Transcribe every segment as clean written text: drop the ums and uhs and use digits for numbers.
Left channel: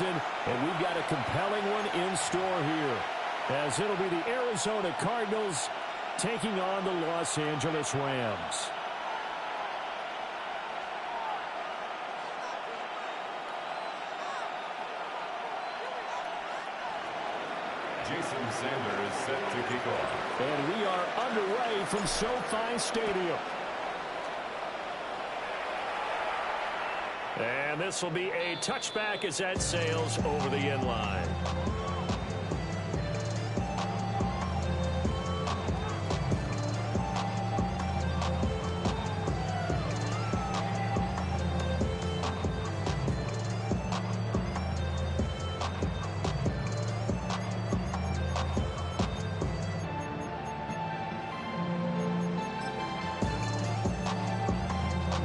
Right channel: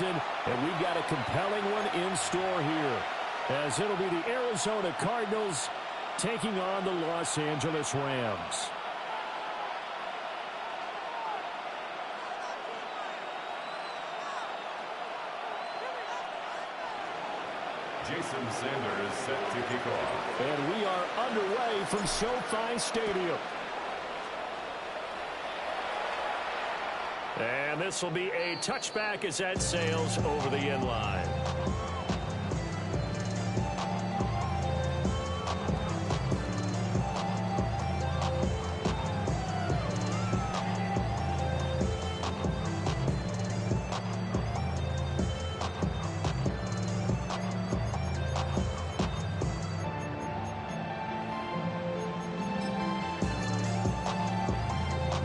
And we've got a compelling one in store here, as it'll be the Arizona Cardinals taking on the Los Angeles Rams. Jason Sanders set to kick off. And we are underway from SoFi Stadium. And this will be a touchback as that sails over the end line.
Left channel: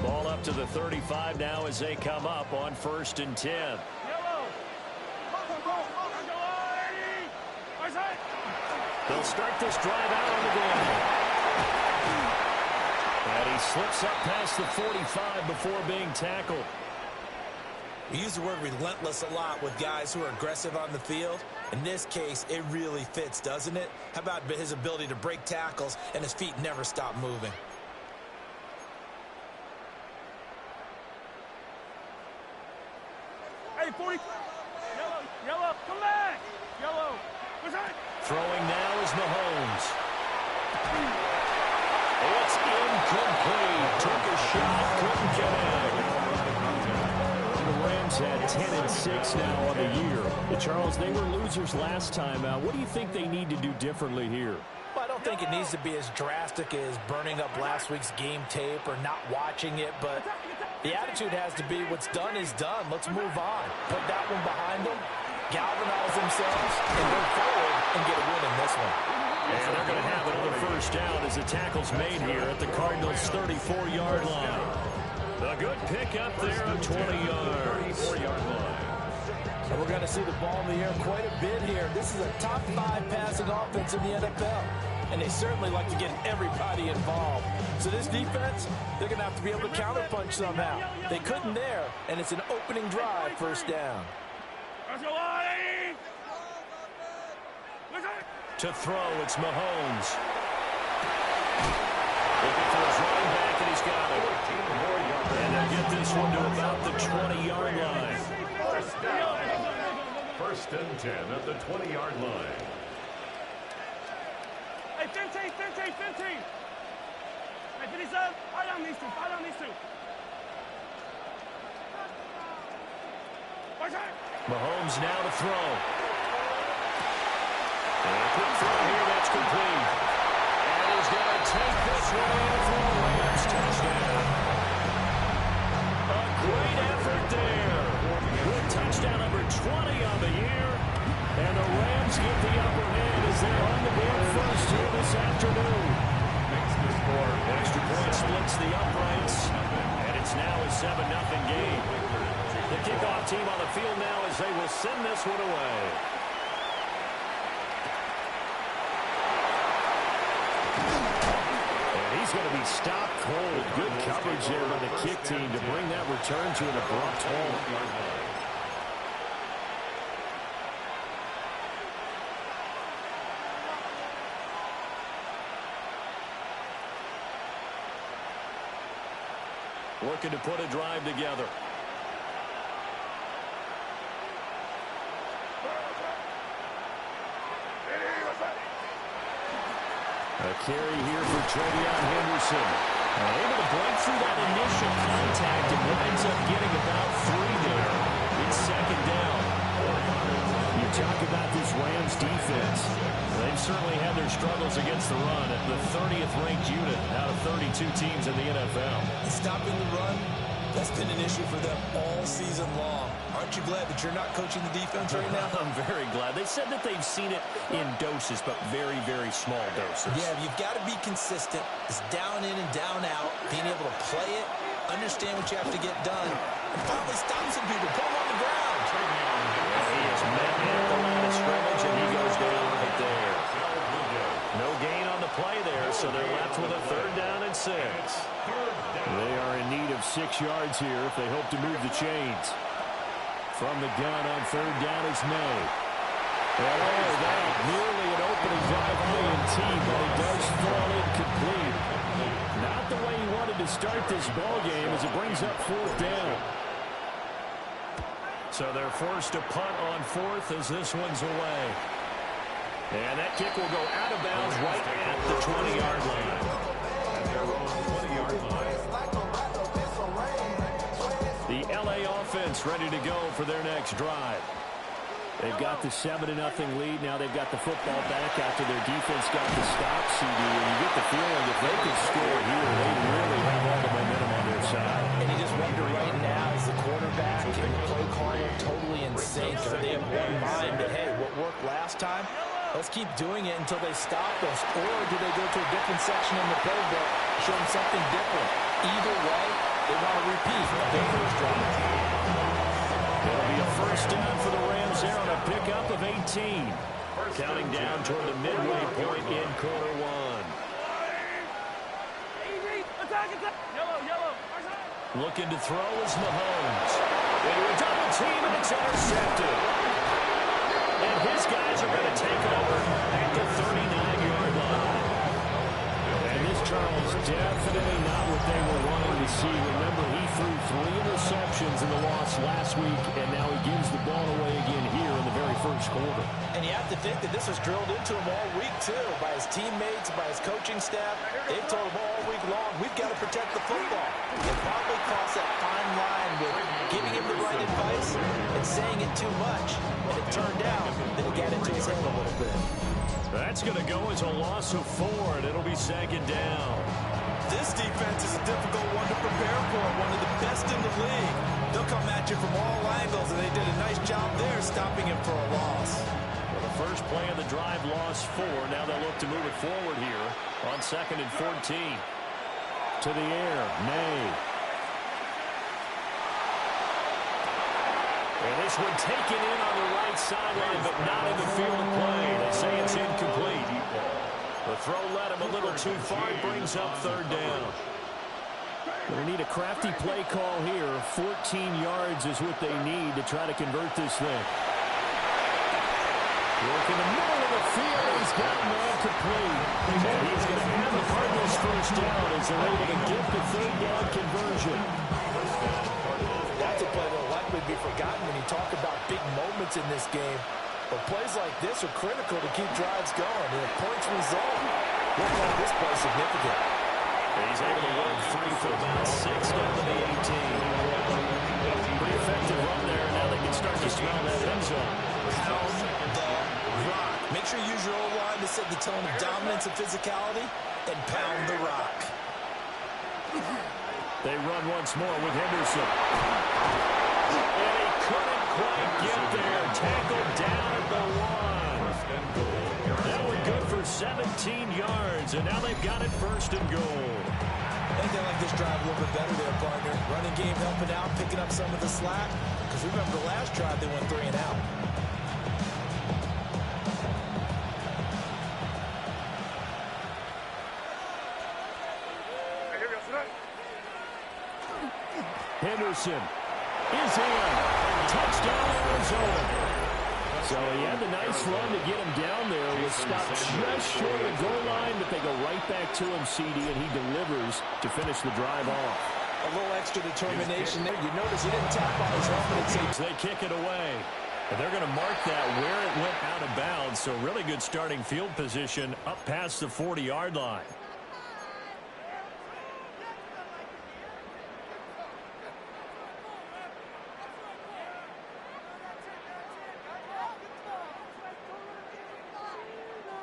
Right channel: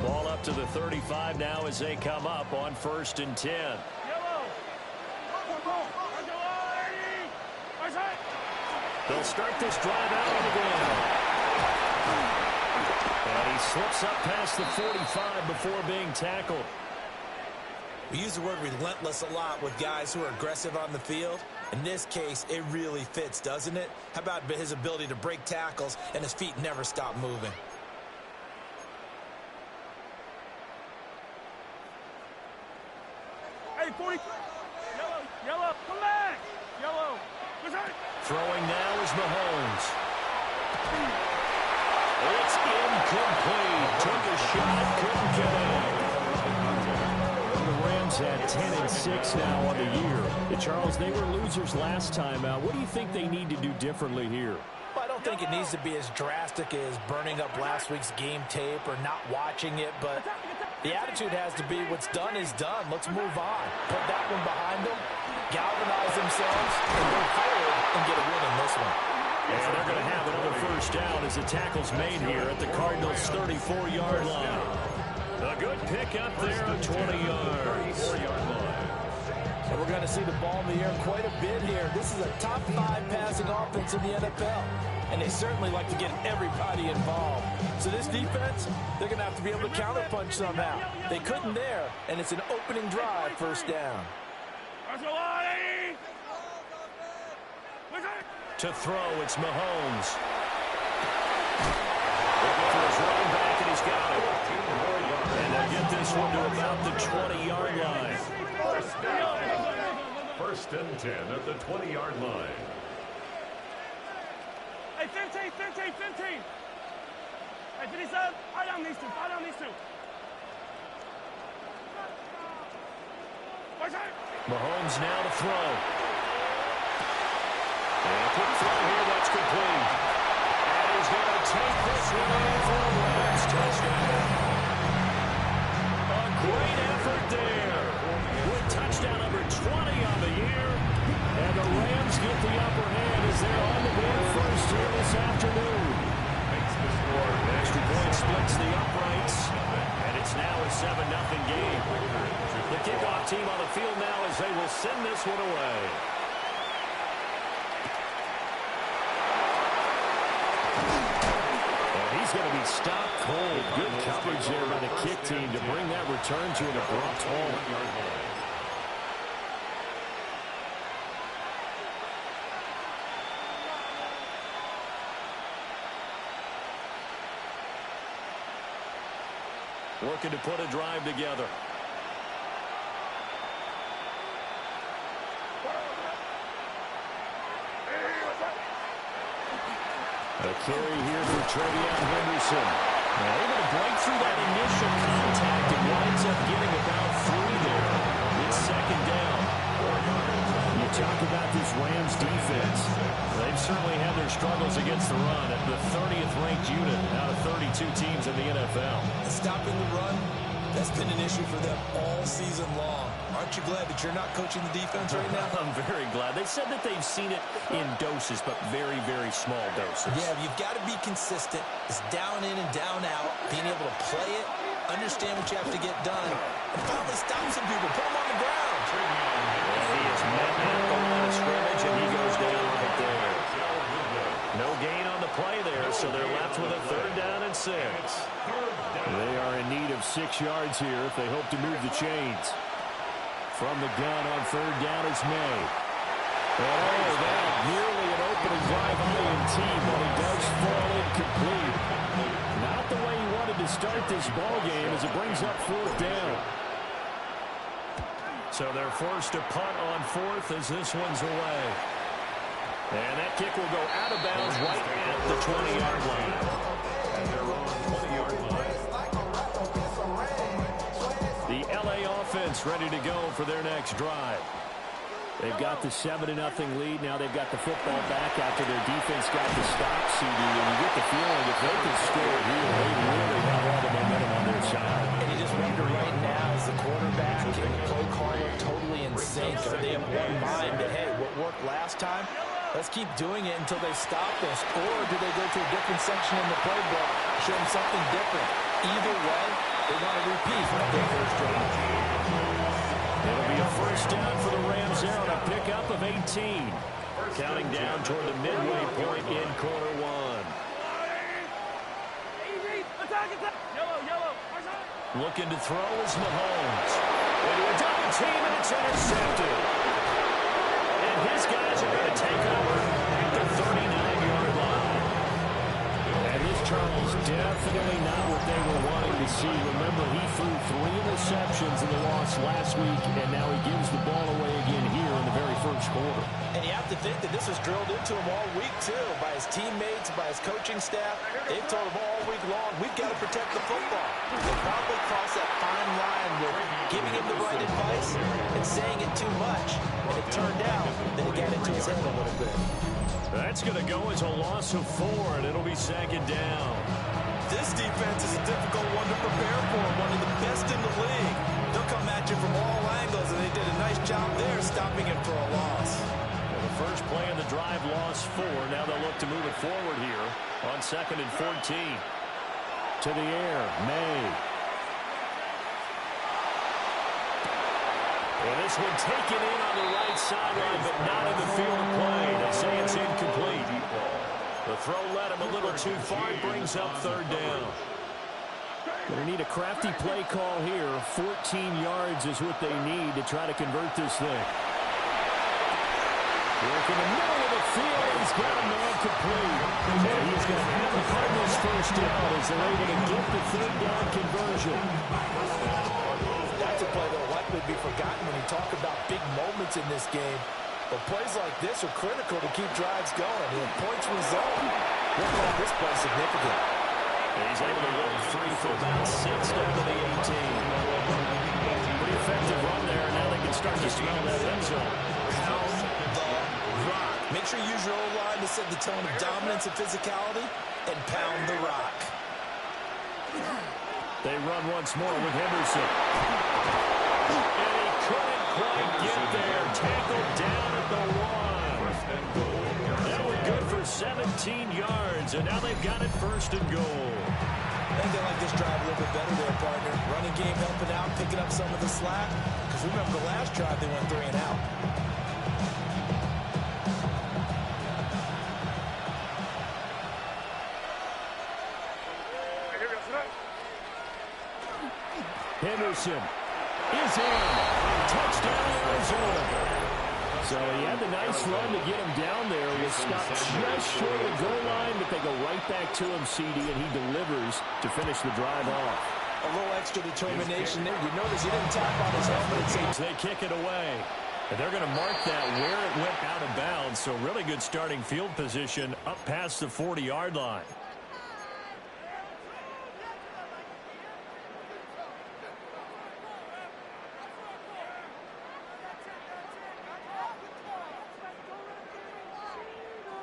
Ball up to the 35 now as they come up on 1st and 10. They'll start this drive out on the ground. And he slips up past the 45 before being tackled. We use the word relentless a lot with guys who are aggressive on the field. In this case, it really fits, doesn't it? How about his ability to break tackles and his feet never stop moving? Hey, 40. Yellow, come back. Yellow. Throwing now is Mahomes. It's incomplete. Took a shot, couldn't connect. The Rams had 10-6 now on the year. Charles, they were losers last time out. What do you think they need to do differently here? Well, I don't think it needs to be as drastic as burning up last week's game tape or not watching it, but the attitude has to be what's done is done. Let's move on. Put that one behind them, galvanize themselves, and go forward and get a win in this one. And they're going to have another first down as the tackle's made here at the Cardinals' 34-yard line. A good pick up there of 20 yards. 34-yard line. So we're going to see the ball in the air quite a bit here. This is a top 5 passing offense in the NFL. And they certainly like to get everybody involved. So this defense, they're going to have to be able to counterpunch somehow. They couldn't there, and it's an opening drive, first down. To throw, it's Mahomes. Looking for his running back, and he's got it. And they'll get this one to about the 20-yard line. First and 10 at the 20-yard line. Hey, 15. Hey, 57. Fire down these two. Mahomes now to throw. And a quick throw here, that's complete. And he's going to take this one in for a Rams touchdown. A great effort there. With touchdown number 20 on the year. And the Rams get the upper hand as they're on the board first here this afternoon. Makes the score. Extra point splits the uprights. And it's now a 7-0 game. The kickoff team on the field now as they will send this one away. And he's going to be stopped cold. Good coverage there by the kick team to bring that return to an abrupt halt. Looking to put a drive together. A carry here for Travion Henderson. Able to break through that initial contact and winds up getting about 3 there. It's second down. You talk about this Rams defense. They've certainly had their struggles against the run at the 30th ranked unit out of 32 teams in the NFL. Stopping the run, that's been an issue for them all season long. Aren't you glad that you're not coaching the defense right now? I'm very glad. They said that they've seen it in doses, but very, very small doses. Yeah, you've got to be consistent. It's down in and down out, being able to play it, understand what you have to get done, and finally stop some people, put them on the ground. Yeah, he is met at the line of scrimmage, and he goes down right there. No gain on the play there, so they're left with a 3rd down and 6. They are in need of 6 yards here if they hope to move the chains. From the gun on third down is May. And oh, that nearly an opening drive INT, but it does fall incomplete. Not the way he wanted to start this ball game as it brings up fourth down. So they're forced to punt on fourth as this one's away. And that kick will go out of bounds right at the 20-yard line. At their own 20-yard line. The LA offense ready to go for their next drive. They've got the 7-0 lead. Now they've got the football back after their defense got the stop, CD. And you get the feeling if they can score here, they really have all the momentum on their side. And you just wonder right now, is the quarterback and the play caller totally in sync? Are they have one mind that, hey, what worked last time, let's keep doing it until they stop us? Or do they go to a different section in the playbook, show them something different? Either way, they want to repeat their first drive. It'll be a first down for the Rams there on a pickup of 18. Counting down toward the midway point in quarter one. Easy. Attack, attack. Yellow. Our side. Looking to throw is Mahomes. Into a double team, and it's intercepted. And his guys are going to take over at the 39-yard line. And this, Charles, definitely not what they were wanting to see. Remember, he threw 3 interceptions in the loss last week, and now he gives the ball away again here in the very first quarter. And you have to think that this was drilled into him all week, too, by his teammates, by his coaching staff. They've told him all week long, we've got to protect the football. They probably crossed that fine line with giving him the right advice and saying it too much. And it turned out that it got into his head a little bit. That's going to go as a loss of 4, and it'll be second down. This defense is a difficult one to prepare for, one of the best in the league. They'll come at you from all angles, and they did a nice job there stopping him for a loss. Well, the first play of the drive lost 4. Now they'll look to move it forward here on 2nd and 14. To the air, May. And this one taken in on the right sideline, but not in the field of play. They say it's incomplete. The throw led him a little too far. It brings up third down. They need a crafty play call here. 14 yards is what they need to try to convert this thing. Work in the middle of the field. He's got a man complete. And he's going to have the Cardinals first down as they're able to get the third down conversion. That's a play that will likely be forgotten when you talk about big moments in this game. But plays like this are critical to keep drives going. And if points result, we'll call this play significant. He's able to work free for about 6 down to the 18. Pretty effective run there. Now they can start to smell that end zone. Pound the rock. Make sure you use your O-line to set the tone of dominance and physicality, and pound the rock. They run once more with Henderson. And he couldn't quite get there. Tackled down at the 1. That one good for 17 yards, and now they've got it first and goal. I think they like this drive a little bit better there, partner. Running game helping out, picking up some of the slack. Because remember the last drive, they went 3 and out. Henderson is in. Touchdown, Arizona. So he had the nice run to get him down there. Was stopped just short of the goal line, but they go right back to him, CD, and he delivers to finish the drive off. A little extra determination there. You notice he didn't tap on his helmet and say, they kick it away. And they're going to mark that where it went out of bounds. So really good starting field position up past the 40-yard line.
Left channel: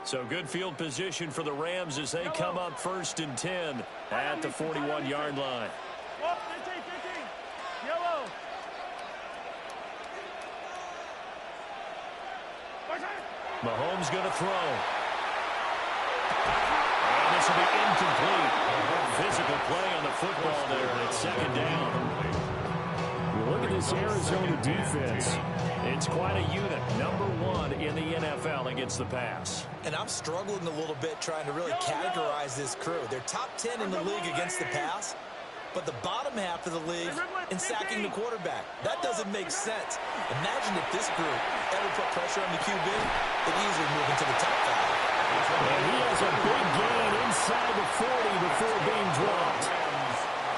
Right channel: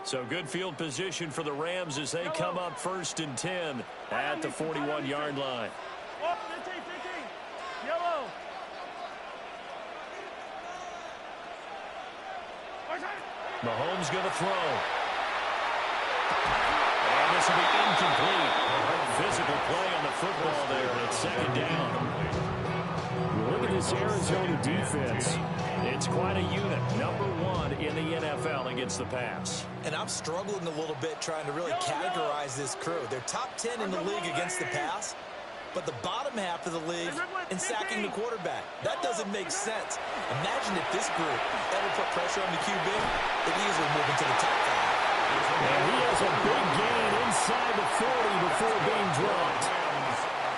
So good field position for the Rams as they come up 1st and 10 at the 41-yard line. 15. Yellow. Mahomes going to throw. And this will be incomplete. Physical play on the football there, and it's 2nd down. You look at this Arizona defense. It's quite a unit. Number 1 in the NFL against the pass. And I'm struggling a little bit trying to really categorize this crew. They're top 10 in the league against the pass, but the bottom half of the league in sacking the quarterback. That doesn't make sense. Imagine if this group ever put pressure on the QB, they'd easily move into the top 5. And he has a big gain inside the 40 before being dropped.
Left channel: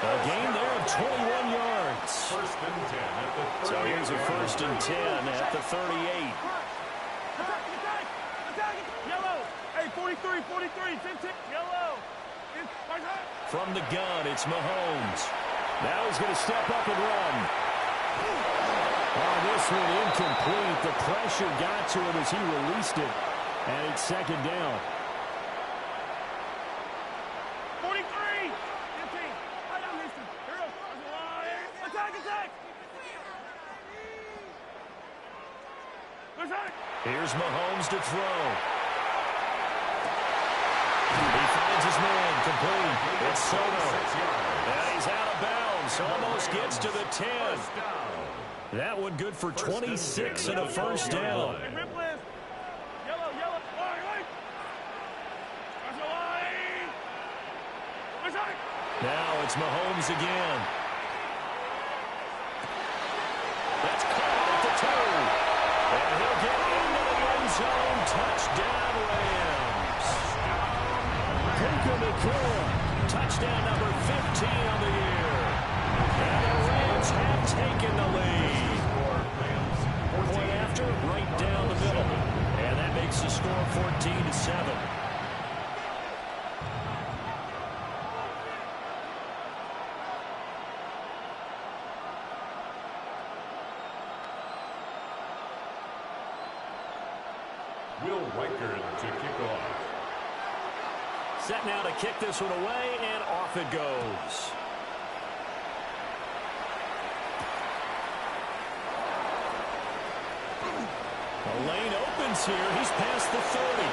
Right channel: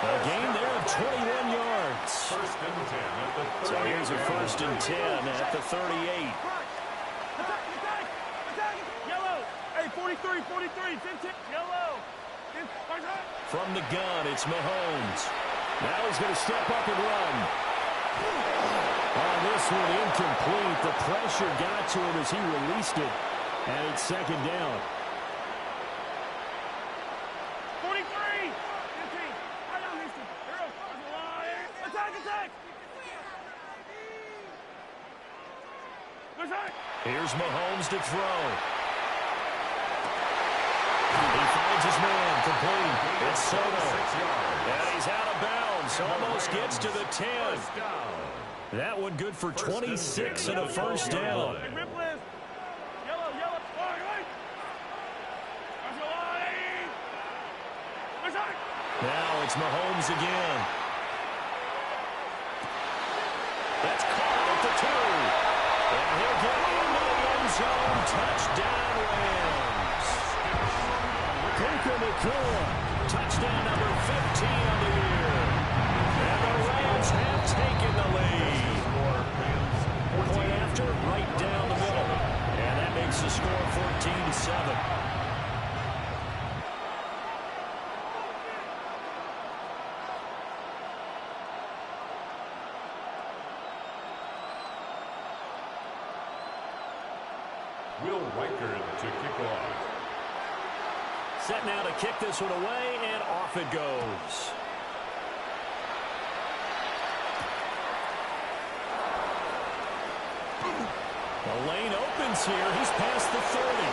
A gain there of 21 yards. First and 10 at the 38. So here's a first and 10 at the 38. Yellow. Hey, 43, 43, 15. Yellow. From the gun, it's Mahomes. Now he's going to step up and run. On this one, incomplete. The pressure got to him as he released it. And it's second down. 43, 15. I don't listen. Here goes. Attack, attack. Attack. Here's Mahomes to throw. He finds his man, complete. It's Soto. And he's out of bounds. Almost gets to the 10. That one good for 26 and a first down. Yellow, yellow. Now it's Mahomes again. That's caught at the 2. And he'll get into the end zone. Touchdown, Rams. Puka Nacua, touchdown number 15 on the year. And the Rams have taken the lead. Point after, right down the middle. And that makes the score 14-7. Will Riker to kick off. Set now to kick this one away, and off it goes. The lane opens here. He's past the 30.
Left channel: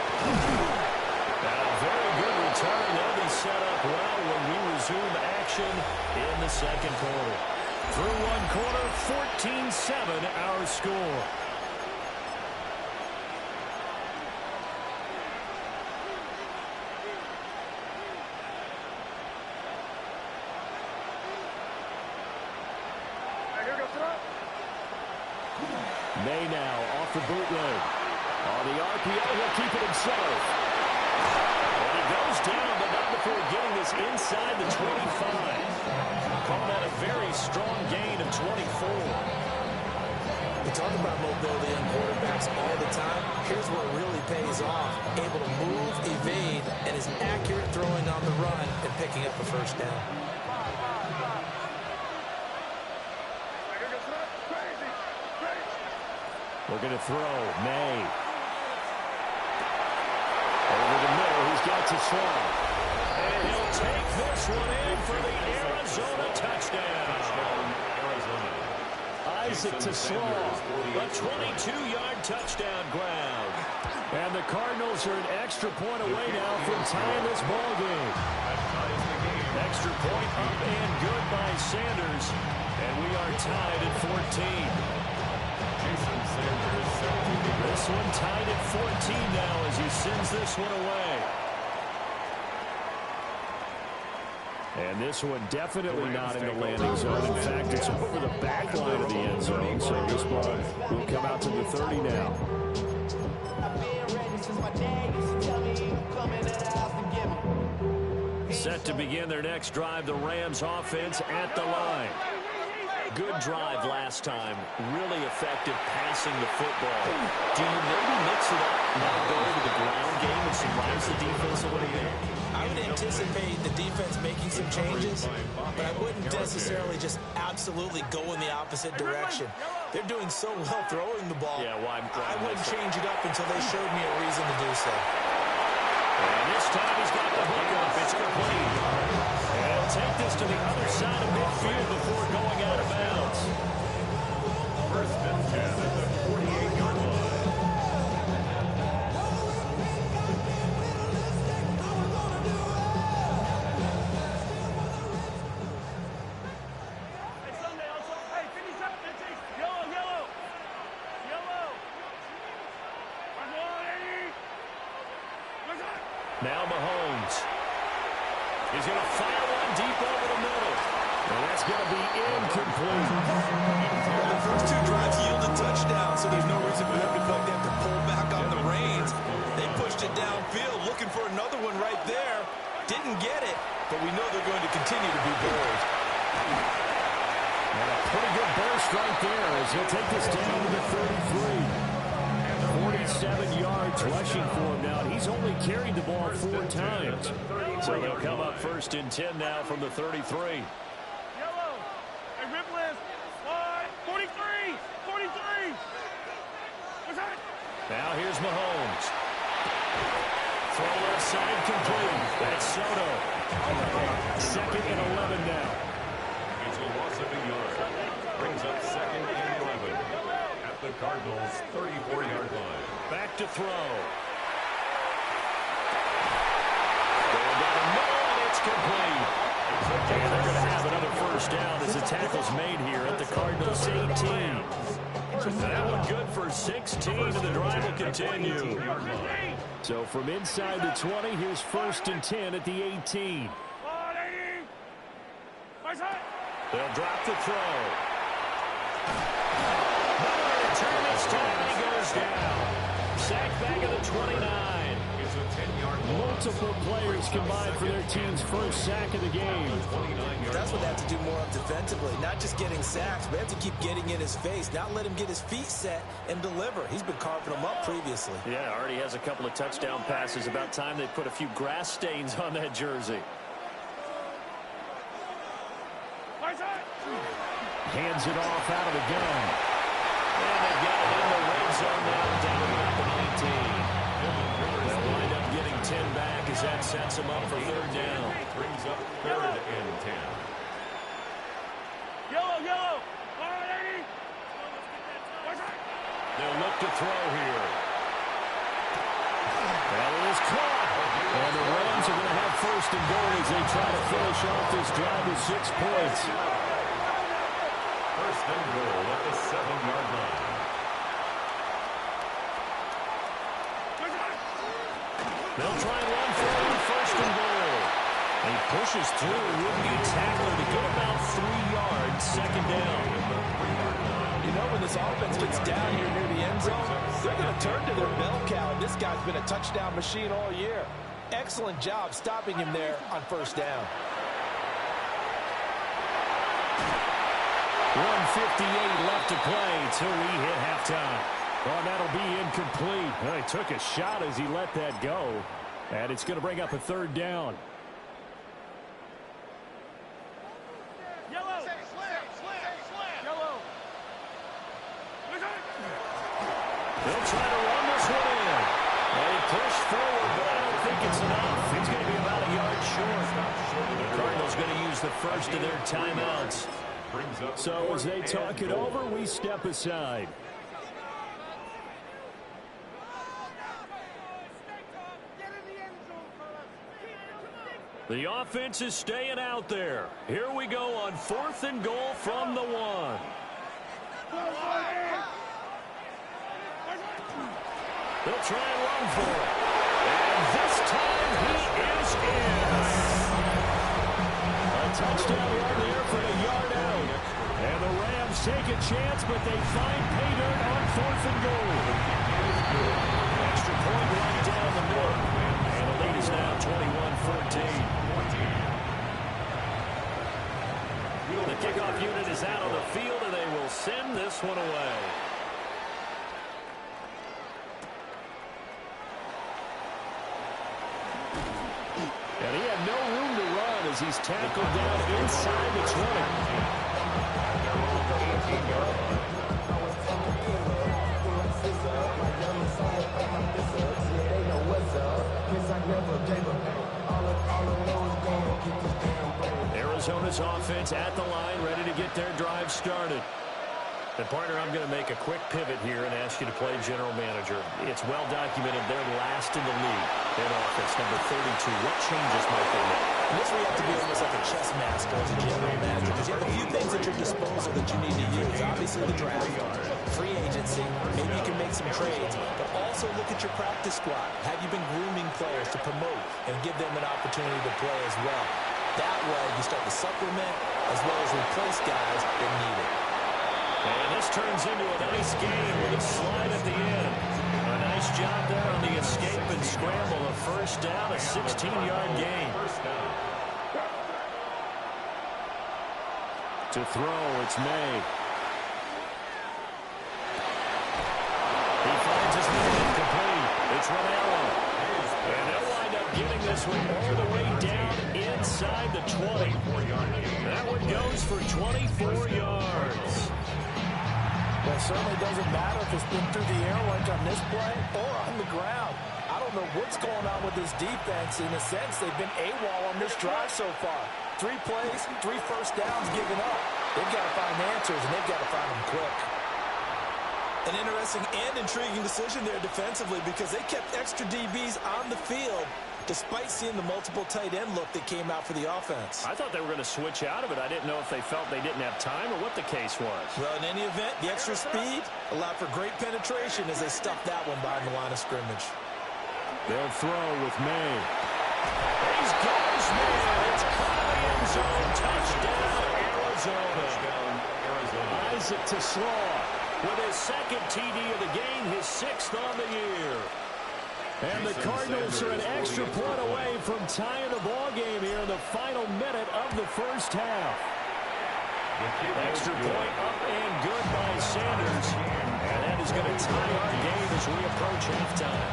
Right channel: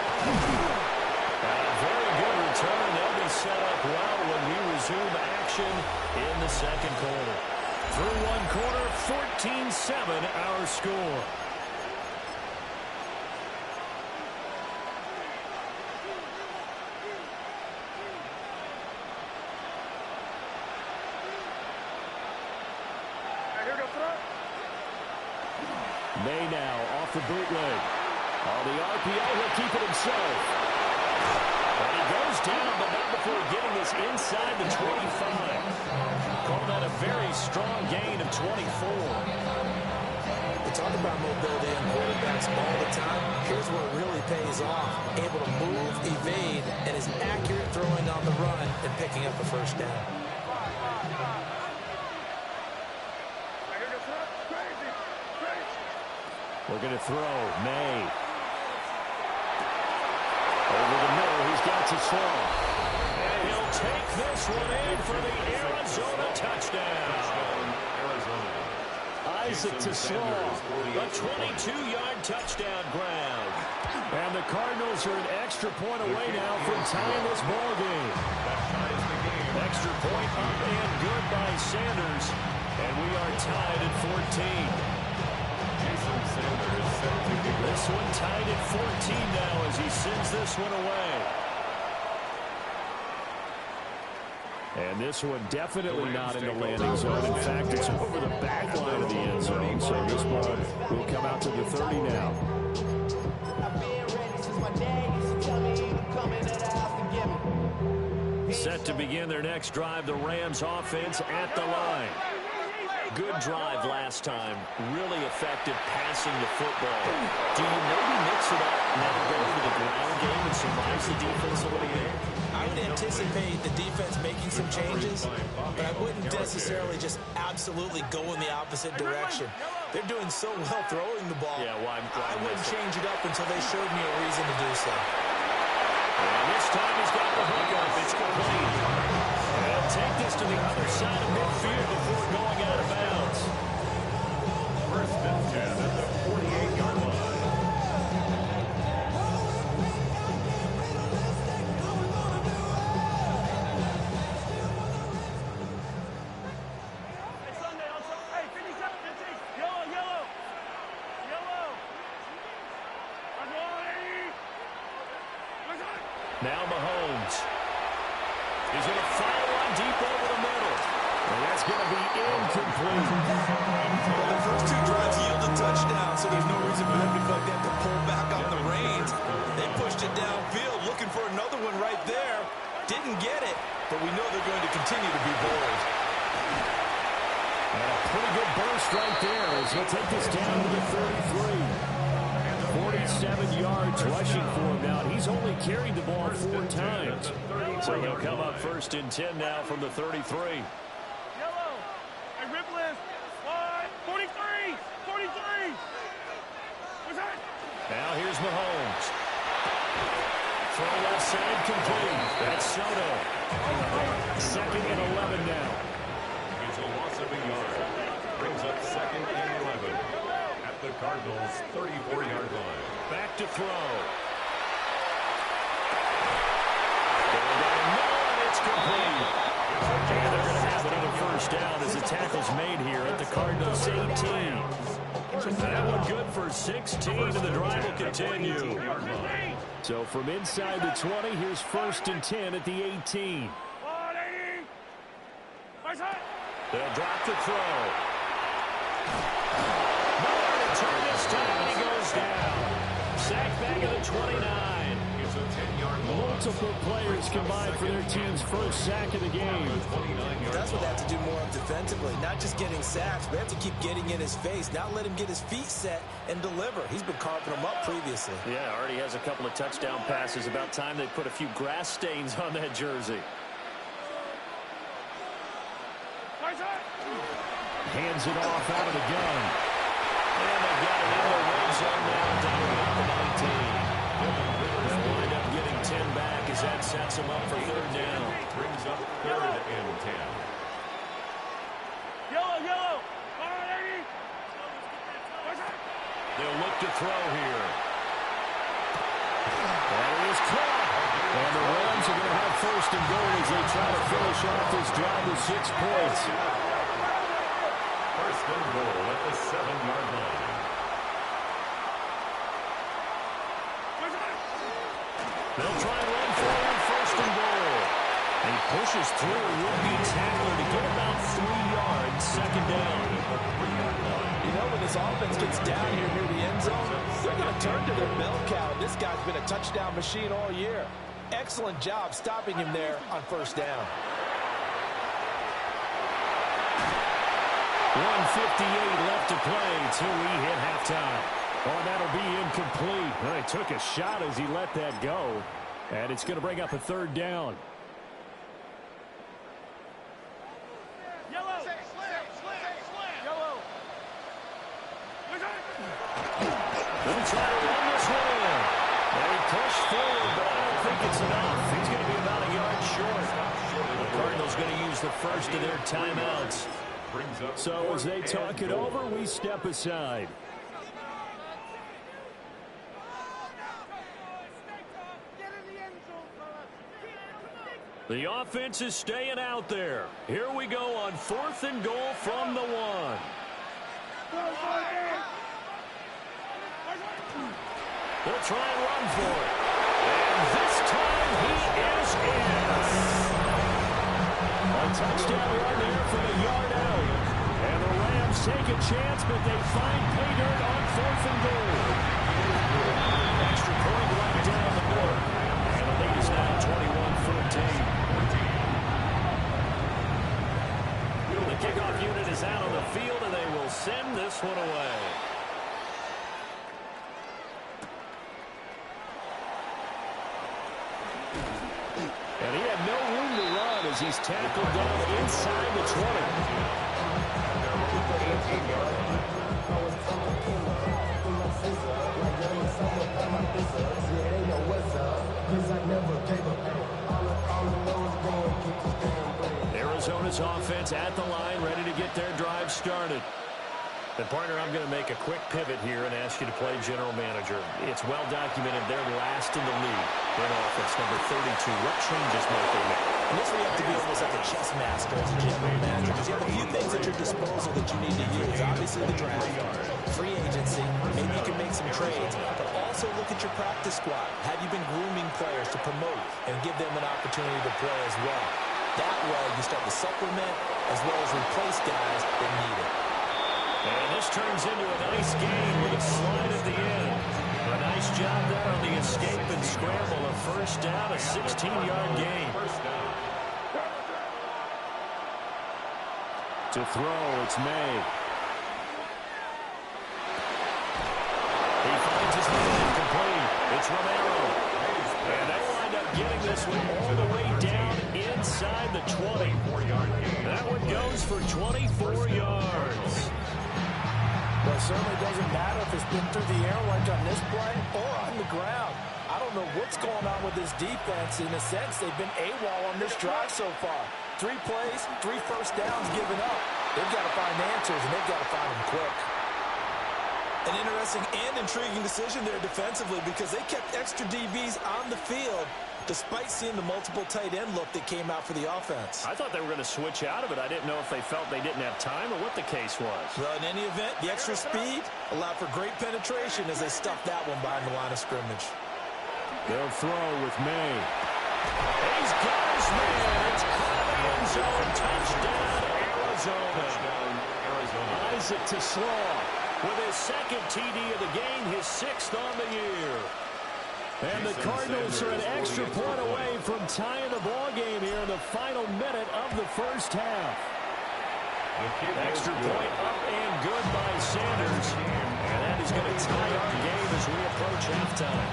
And a very good return. They'll be set up well when we resume action in the second quarter. Through one quarter, 14-7 our score. May now off the bootleg. On the RPO, he'll keep it himself. And he goes down, but not before getting this inside the 25. Call that a very strong gain of 24. We talk about mobility in quarterbacks all the time. Here's where it really pays off. Able to move, evade, and is accurate throwing on the run and picking up a first down. We're going to throw. May. Over the middle, he's got to slow. And he'll take this one in for the Arizona touchdown. Arizona. Isaac to slow. A 22-yard touchdown grab. And the Cardinals are an extra point away now from tying this ball game. That ties the game. Extra point up and good by Sanders. And we are tied at 14. Jason Sanders set to kick off. This one tied at 14 now as he sends this one away. And this one definitely not in the landing zone. In fact, it's over the back line of the end zone. So this ball will come out to the 30 now. Set to begin their next drive, the Rams offense at the line. Good drive last time. Really effective passing the football. Do you maybe mix it up, now go to the ground game and surprise the defense a little bit? I would anticipate the defense making some changes, but I wouldn't necessarily just absolutely go in the opposite direction. They're doing so well throwing the ball. Yeah, well, I wouldn't change it up until they showed me a reason to do so. And this time he's got the hook up. It's complete. And he'll take this to the other side of midfield before going out of bounds. First and 10 at the 48-yard line. Hey, Sunday, also. Hey, 57, 15. Yellow, yellow. Yellow. Now Mahomes. He's going to fire one deep over the middle. And that's going to be incomplete. Well, the first two drives yielded touchdowns, so there's no reason for them to feel like they have to pull back on the reins. They pushed it downfield, looking for another one right there. Didn't get it, but we know they're going to continue to be bold. And a pretty good burst right there as he'll take this down to the 33. 47 yards rushing for him now. He's only carried the ball 4 times. So he'll come up 1st and 10 now from the 33. Yellow. Hey, rip list. 43. 43. What's that? Now here's Mahomes. Throw left side complete. That's Soto. 2nd and 11 now. It's a loss of a yard. Brings up 2nd and 11 at the Cardinals' 34-yard line. Back to throw. Going down the middle, and it's complete. And they're going to have another 1st down as the tackle's made here at the Cardinals' 18. That one good for 16, and the drive will continue. So from inside the 20, here's 1st and 10 at the 18. They'll drop the throw. Nowhere to turn this time, and he goes down. Sacked back at the 29. It's a 10-yard loss. Multiple players combined for their team's 1st sack of the game. That's what they have to do more of defensively, not just getting sacks, but they have to keep getting in his face, not let him get his feet set and deliver. He's been carving them up previously. Yeah, already has a couple of touchdown passes. About time they put a few grass stains on that jersey. Hands it off out of the gun. And they've got it in the red zone now, down about the 19. They'll wind up getting 10 back as that sets them up for 3rd down. Brings up 3rd and 10. Yellow. They'll look to throw here. That is caught. And the Rams are going to have 1st and goal as they try to finish off this drive with 6 points. 1st and goal at the 7-yard line. They'll try and run for it on 1st and goal. He pushes through a would-be tackler to get about 3 yards, 2nd down. You know, when this offense gets down here near the end zone, they're going to turn to their bell cow, and this guy's been a touchdown machine all year. Excellent job stopping him there on 1st down. 1:58 left to play till we hit halftime. Oh, and that'll be incomplete. Well, he took a shot as he let that go. And it's going to bring up a 3rd down. Yellow. Yellow. They'll try to run this one in. And he pushed forward, but I don't think it's enough. He's going to be about a yard short. The Cardinals going to use the 1st of their timeouts. So as they talk it over, we step aside. The offense is staying out there. Here we go on 4th and goal from the 1. They'll try and run for it. And this time he is in. A touchdown run there from a yard out. And the Rams take a chance, but they find pay dirt on 4th and goal. Extra point right down the middle. And the lead is now 21-14. The kickoff unit is out on the field, and they will send this one away. And he had no room to run as he's tackled down inside the 20. Arizona's offense at the line, ready to get their drive started. And partner, I'm going to make a quick pivot here and ask you to play general manager. It's well documented they're last in the league in offense, number 32. What changes might they make? And this where you have to be almost like a chess master as a general manager, because you have a few things at your disposal that you need to use. Obviously the draft, free agency, maybe you can make some trades, but also look at your practice squad. Have you been grooming players to promote and give them an opportunity to play as well? That way you start to supplement as well as replace guys that need it. And this turns into a nice game with a slide at the end. A nice job there on the escape and scramble. A first down, a 16-yard gain. To throw, it's May. He finds his man incomplete. It's Romero. And they'll wind up getting this one all the way down inside the 20. That one goes for 24 yards. Well, it certainly doesn't matter if it's been through the air like on this play or on the ground. I don't know what's going on with this defense. In a sense, they've been AWOL on this drive so far. 3 plays, 3 first downs given up. They've got to find answers, and they've got to find them quick. An interesting and intriguing decision there defensively because they kept extra DBs on the field despite seeing the multiple tight end look that came out for the offense. I thought they were going to switch out of it. I didn't know if they felt they didn't have time or what the case was. Well, in any event, the extra speed allowed for great penetration as they stuffed that one behind the line of scrimmage. They'll throw with May. He's got his man. It's caught in the end zone. Touchdown, Arizona. Isaac to Slaw with his second TD of the game, his 6th on the year. And the Cardinals are an extra point away from tying the ball game here in the final minute of the first half. Extra point up and good by Sanders. And that is going to tie our game as we approach halftime.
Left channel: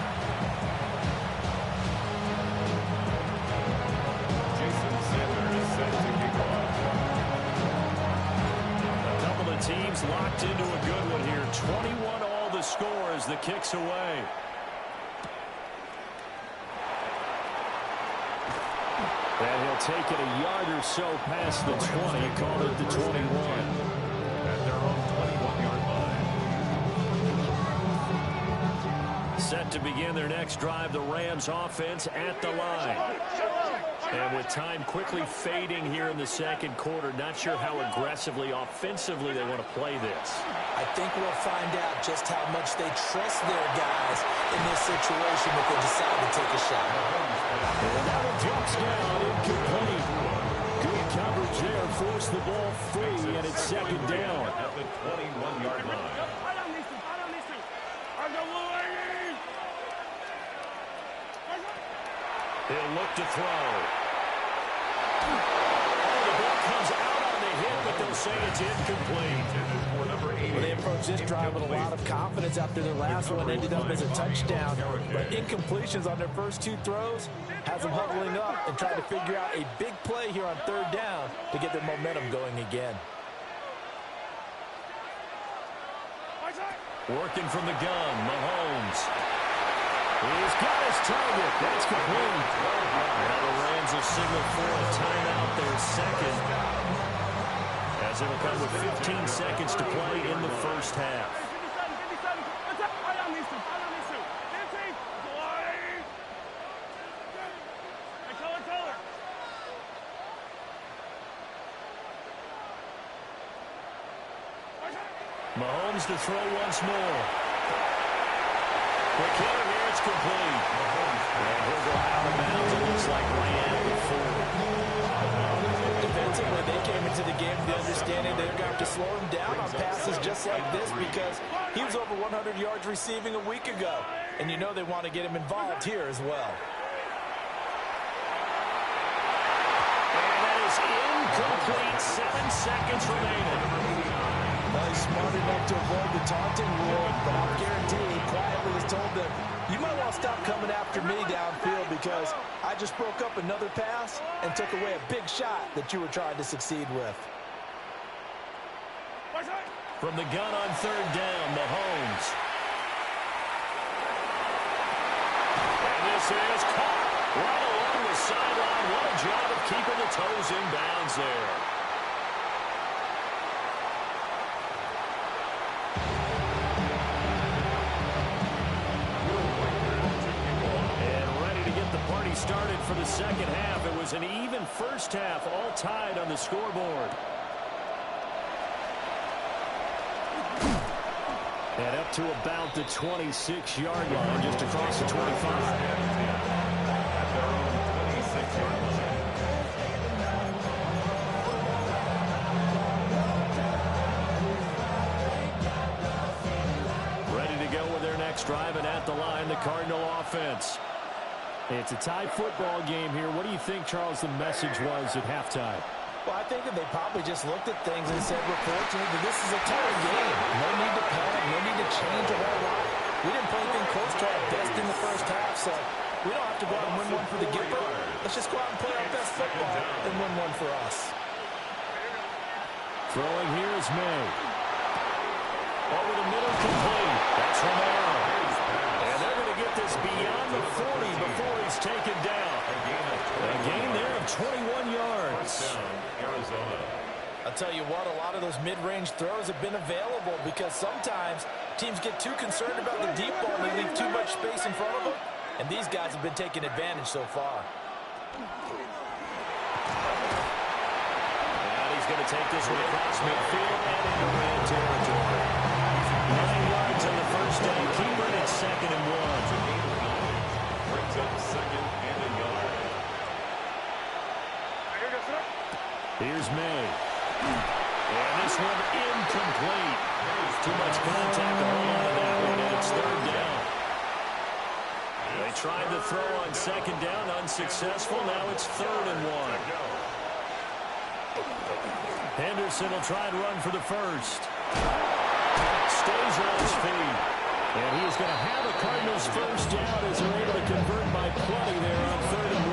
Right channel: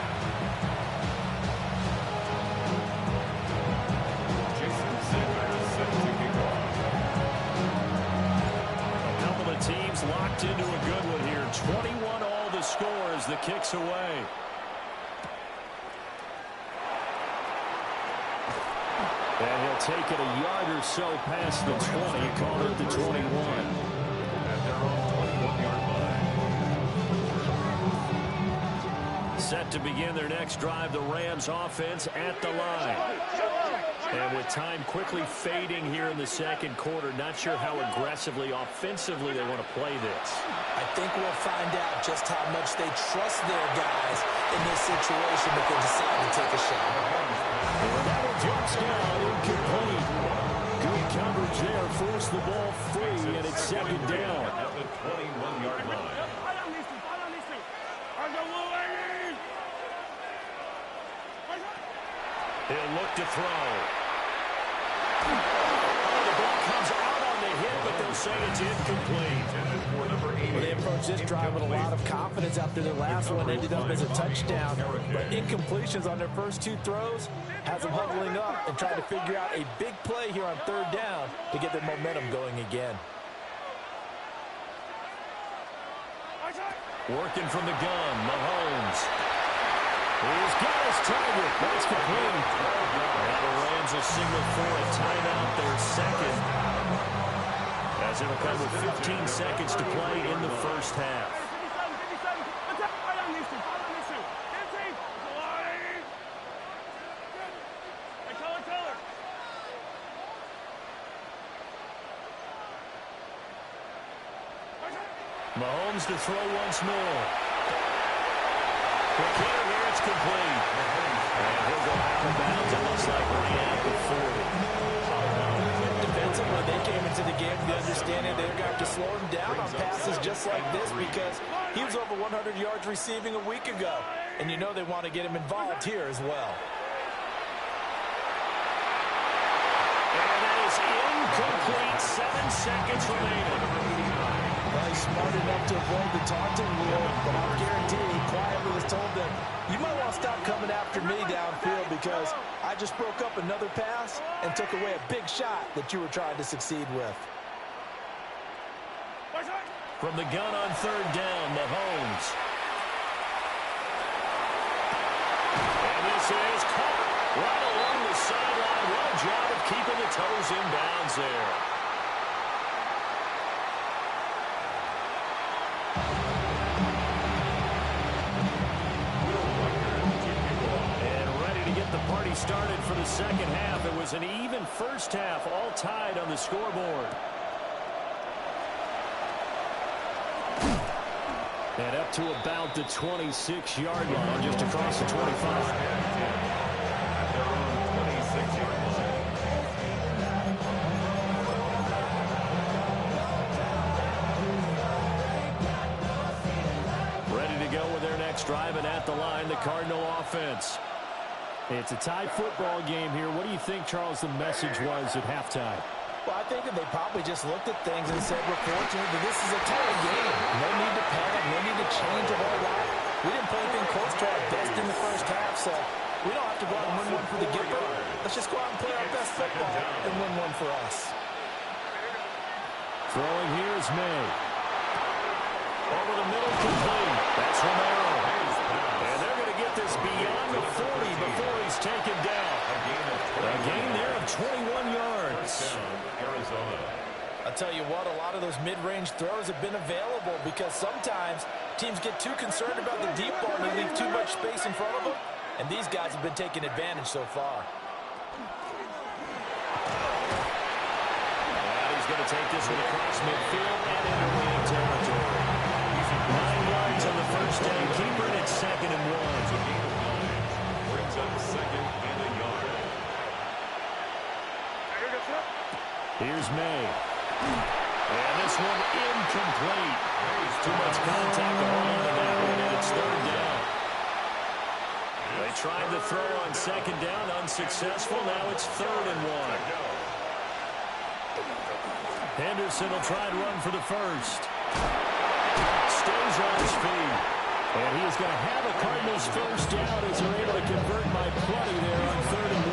Jason Sanders set to kick off. A couple of teams locked into a good one here. 21 all the score as the kick's away. And he'll take it a yard or so past the 20, call it the 21. At their own 21-yard line. Set to begin their next drive, the Rams offense at the line. And with time quickly fading here in the second quarter, not sure how aggressively, offensively they want to play this. I think we'll find out just how much they trust their guys in this situation if they decide to take a shot. And that one drops down, incomplete. Good coverage there, force the ball free, and it's second down. At the 21-yard line. He'll look to throw. Oh, the ball comes out on the hit, but they'll say it's incomplete. Well, they approached this drive with a lot of confidence after their last one ended up as a touchdown. But incompletions on their first 2 throws has them huddling up and trying to figure out a big play here on 3rd down to get their momentum going again. Working from the gun, Mahomes. He's got his target. That's complete. Now the Rams will signal for a timeout, their second, as it'll come with 15 seconds to play in the first half. Mahomes to throw once more. Quick hitter here, it's complete. And he'll go out of bounds. It looks like right at the 40. Defensively, they came into the game with the understanding they're going to have to slow him down on passes just like this because he was over 100 yards receiving a week ago. And you know they want to get him involved here as well. And that is incomplete. 7 seconds remaining. Well, he's smart enough to avoid the taunting rule, but I'll guarantee he quietly has told them, you might want to stop coming after me downfield because I just broke up another pass and took away a big shot that you were trying to succeed with. From the gun on 3rd down, Mahomes. And this is caught right along the sideline. What a job of keeping the toes in bounds there. Party started for the second half. It was an even first half, all tied on the scoreboard. And up to about the 26-yard line, just across the 25. At their own 26-yard line. next drive, and at the line, the Cardinal offense. It's a tie football game here. What do you think, Charles, the message was at halftime? Well, I think that they probably just looked at things and said, we're fortunate that this is a tie game. No need to panic, no need to change a whole lot. We didn't play anything close to our best in the first half, so we don't have to go out and win one for the Gipper. Let's just go out and play our best football and win one for us. Throwing here is May. Over the middle, complete. That's Romero. And they're going to get this beyond the 40 before he's taken down. A gain there of 21 yards. Arizona. I'll tell you what, a lot of those mid-range throws have been available because sometimes teams get too concerned about the deep ball and they leave too much space in front of them. And these guys have been taking advantage so far. And he's going to take this one across midfield and into Ram territory. 9 yards on the first down. Keeper it at 2nd and 1. It's a gain of 9. Brings up 2nd and a yard. Here's May. And this one incomplete. Too much contact to hold on to that one, and it's 3rd down. They tried to throw on 2nd down, unsuccessful. Now it's 3rd and 1. Henderson will try and run for the first. Stays on his feet. And he is going to have a Cardinals first down as they're able to convert by plenty there on 3rd and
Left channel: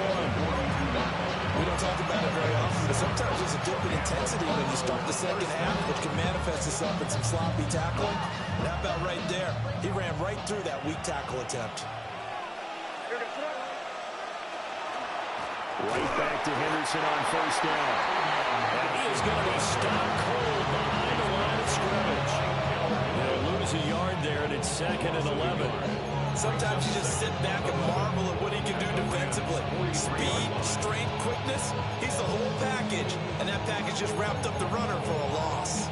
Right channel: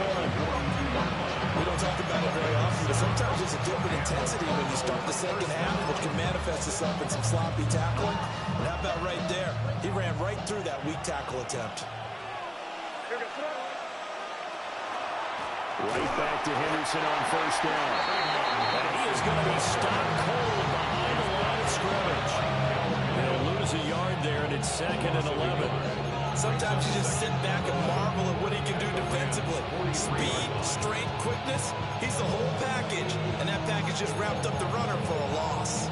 1. We don't talk about it very often, but sometimes there's a dip in intensity when you start the second half, which can manifest itself in some sloppy tackling. And how about right there? He ran right through that weak tackle attempt. Right back to Henderson on first down. And he is going to be stopped cold behind the line of scrimmage. They'll lose a yard there, and it's 2nd and 11. Sometimes you just sit back and marvel at what he can do defensively. Speed, strength, quickness, he's the whole package. And that package just wrapped up the runner for a loss.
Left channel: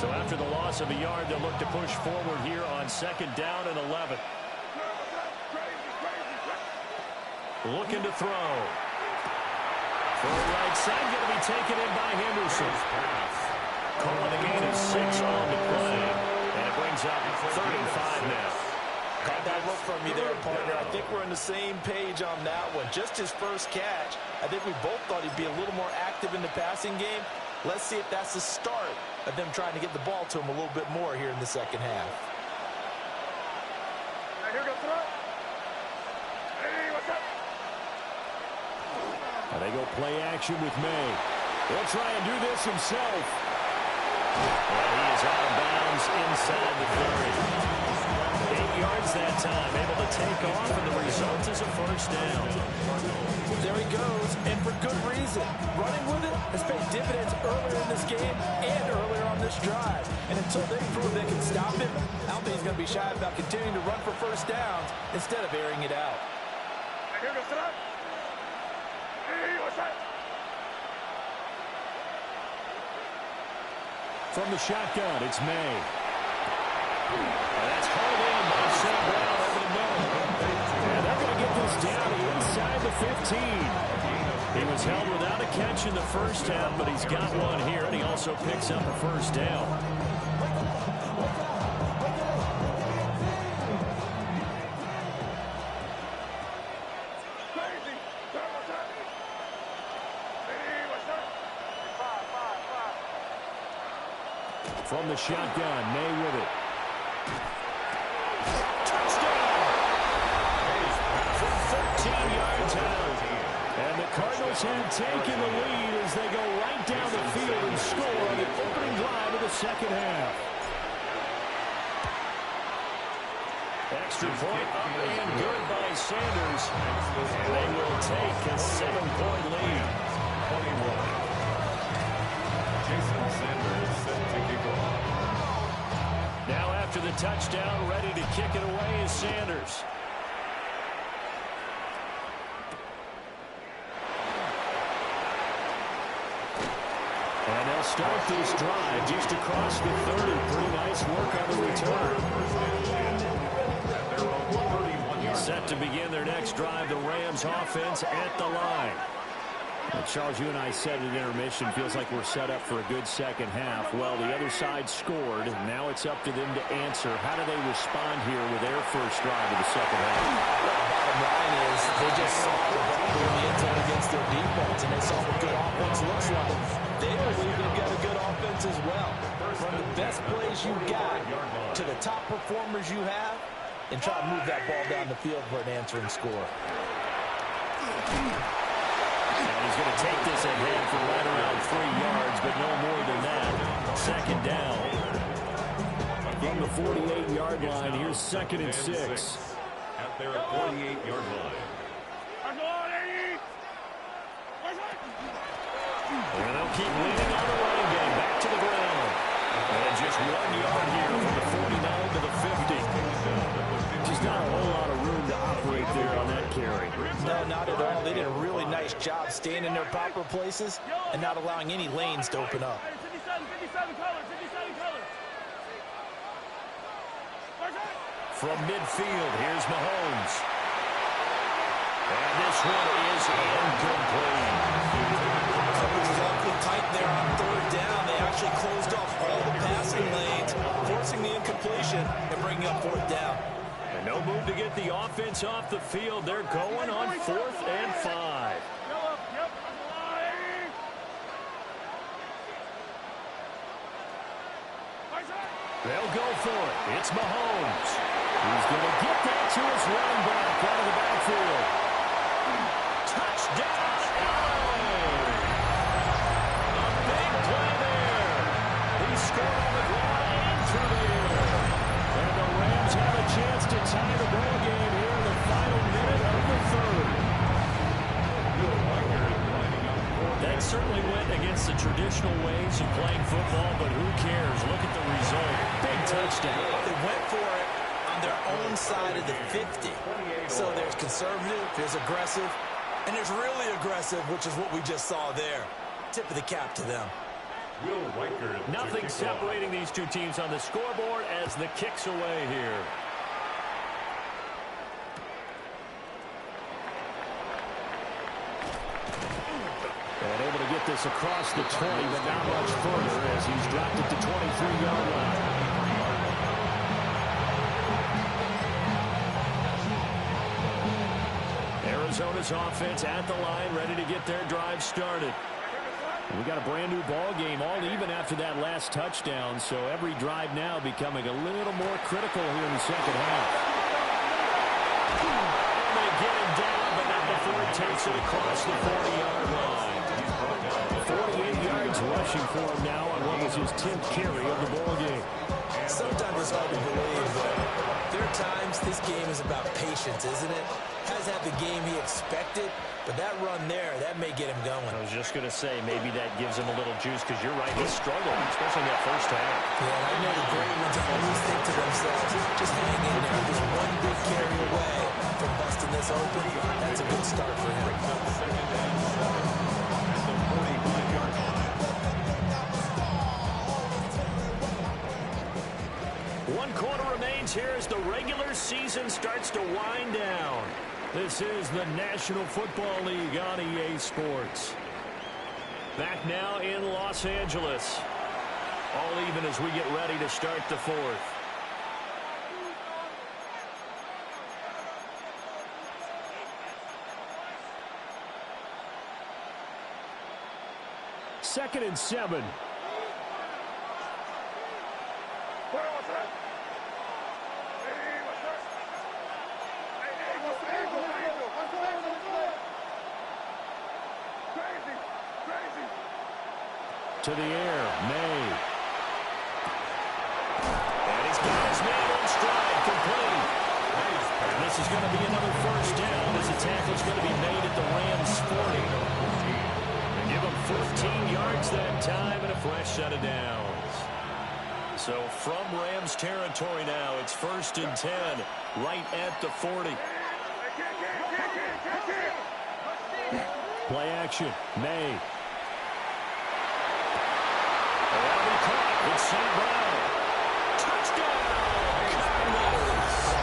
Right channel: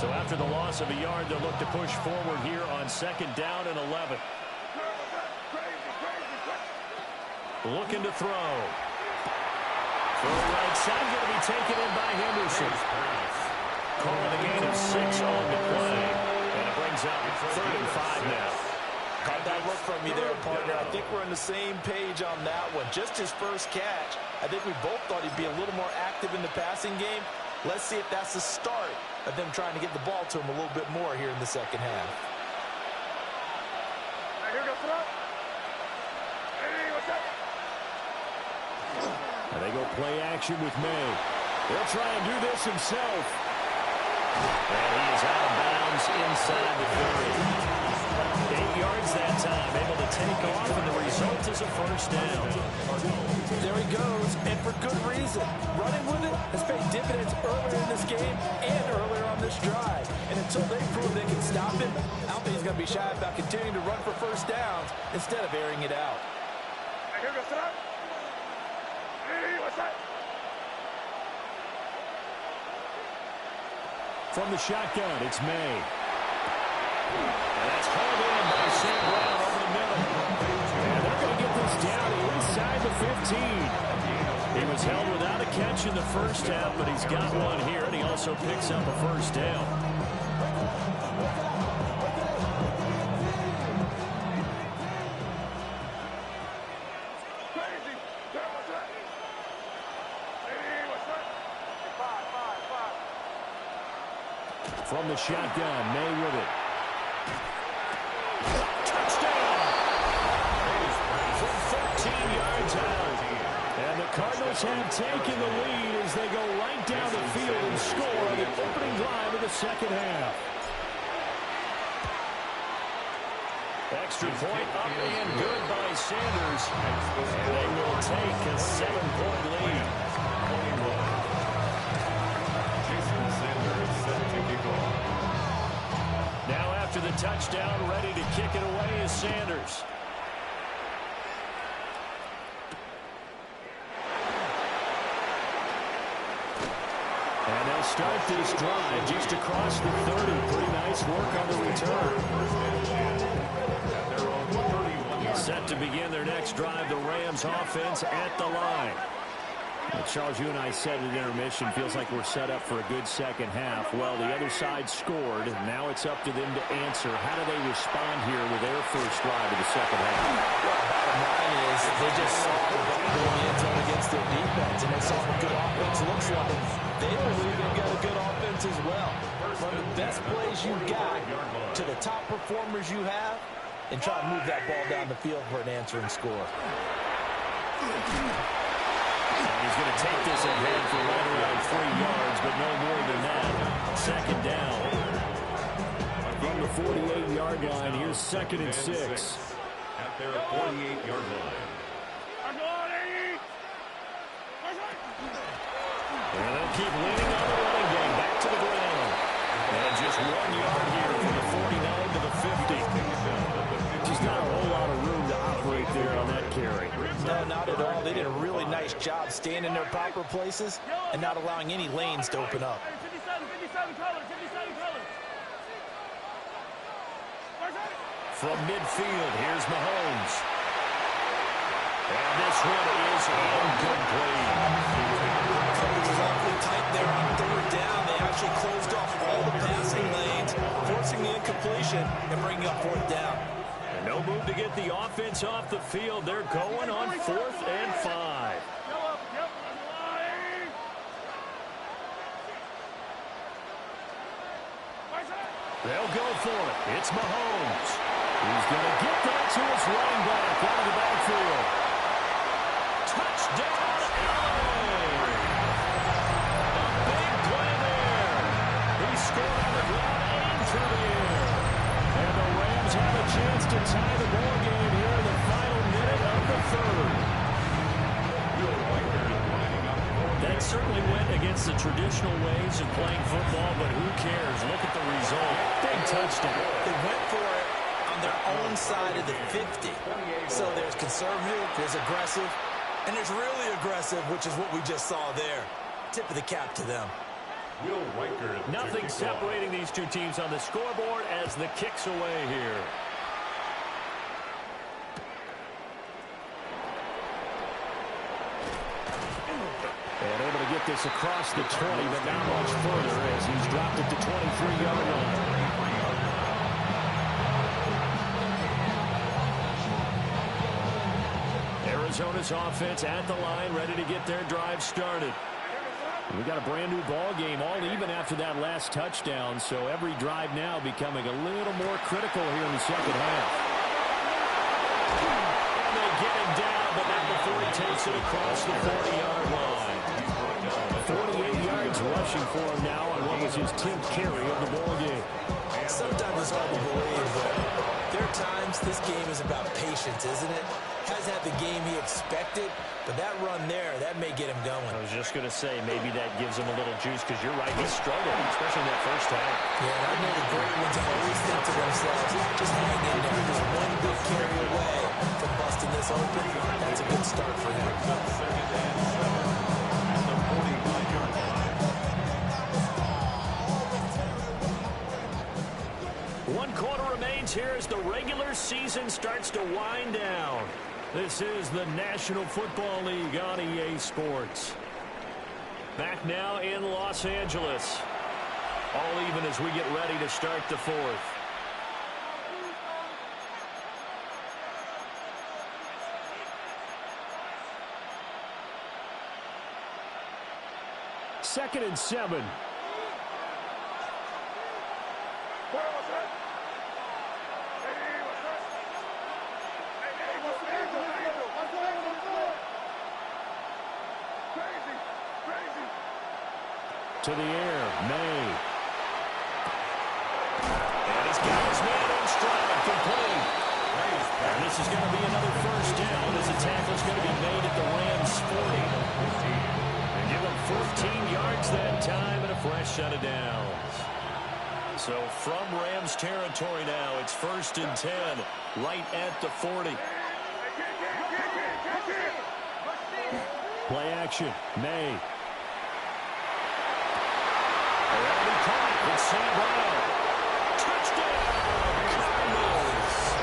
So after the loss of a yard, they'll look to push forward here on 2nd down and 11. Looking to throw. Throw right side, going to be taken in by Henderson. Calling a gain of 6 on the play. And it brings up 3rd and 5 now. Caught that look from you there, partner. I think we're on the same page on that one. Just his first catch. I think we both thought he'd be a little more active in the passing game. Let's see if that's the start of them trying to get the ball to him a little bit more here in the second half. And they go play action with May. He'll try and do this himself. And he is out of bounds inside the 30. 8 yards that time, able to take off, and the result is a first down. There he goes, and for good reason. Running with it has paid dividends earlier in this game and earlier on this drive. And until they prove they can stop him, I don't think he's going to be shy about continuing to run for first downs instead of airing it out. From the shotgun, it's May. And that's hauled in by St. Brown over the middle. And they're going to get this down inside the 15. He was held without a catch in the first half, but he's got one here, and he also picks up a first down. From the shotgun, May with it. Touchdown! From 13 yards out. And the Cardinals have taken the lead as they go right down the field and score on the opening drive of the second half. Extra point up and good by Sanders. And they will take a 7-point lead. 21. Jason Sanders set to kick off. Now after the touchdown, ready to kick it away is Sanders. And they'll start this drive just across the 30. Pretty nice work on the return. At their own 31-yard Set to begin their next drive, the Rams offense at the line. Well, Charles, you and I said at intermission, feels like we're set up for a good second half. Well, the other side scored. Now it's up to them to answer. How do they respond here with their first drive of the second half? Well, bottom line is they just saw the ball go in the end zone against their defense, and they saw what good offense looks like. They believe they've got a good offense as well. From the best plays you got to the top performers you have, and try to move that ball down the field for an answering score. And he's going to take this ahead for right around 3 yards, but no more than that. Second down. From the 48-yard line, here's 2nd and 6. At their 48-yard line. And they'll keep leaning on the running game. Back to the ground. And just 1 yard here from the 49 to the 50. Just not a whole lot of room to operate there on that carry. No, not at all. They did a really nice job staying in their proper places and not allowing any lanes to open up. 57 color, 57 color. From midfield, here's Mahomes. And this one is incomplete. Coverage was awfully tight there on 3rd down. They actually closed off all the passing lanes, forcing the incompletion and bringing up 4th down. And no move to get the offense off the field. They're going on 4th and 5. They'll go for it. It's Mahomes. He's going to get that to his running back out of the backfield. Touchdown, LA! A big play there. He scored on the ground and through the air. And the Rams have a chance to tie the ball game here in the final minute of the 3rd. That certainly went against the traditional ways of playing football, but who cares? Look at the result. Big touchdown. They went for it on their own side of the 50. So there's conservative, there's aggressive, and there's really aggressive, which is what we just saw there. Tip of the cap to them. Nothing separating these two teams on the scoreboard as the kick's away here. And able to get this across the 20, but not much further as he's dropped it to 23-yard line. Arizona's offense at the line, ready to get their drive started. We got a brand new ball game, all even after that last touchdown, so every drive now becoming a little more critical here in the second half. And they get him down, but not before he takes it across the 40-yard line. 48 yards rushing for him now on what was his 10th carry of the ball game. Sometimes it's hard to believe, but there are times this game is about patience, isn't it? Hasn't had the game he expected, but that run there, that may get him going. I was just going to say, maybe that gives him a little juice, because you're right, he struggled, especially in that first half. Yeah, and I know the great ones always think to themselves, just hang in there. Just one good carry away from busting this open. That's a good start for him. 2nd and 7 at the 45-yard line. 1 quarter remains here as the regular season starts to wind down. This is the National Football League on EA Sports. Back now in Los Angeles. All even as we get ready to start the 4th. Second and 7. What's that? Hey, what's that? Hey, what's the angel? What's the angel? Crazy, crazy. To the air, May. And he's got his man in stride, complete. And this is going to be another first down as the tackle's going to be made at the Rams' 40. And give them 14 yards that time and a fresh set of downs. So from Rams territory now, it's 1st and 10, right at the 40. Play action, May. Oh, that'll be caught. It's St. Brown. Touchdown, Cardinals.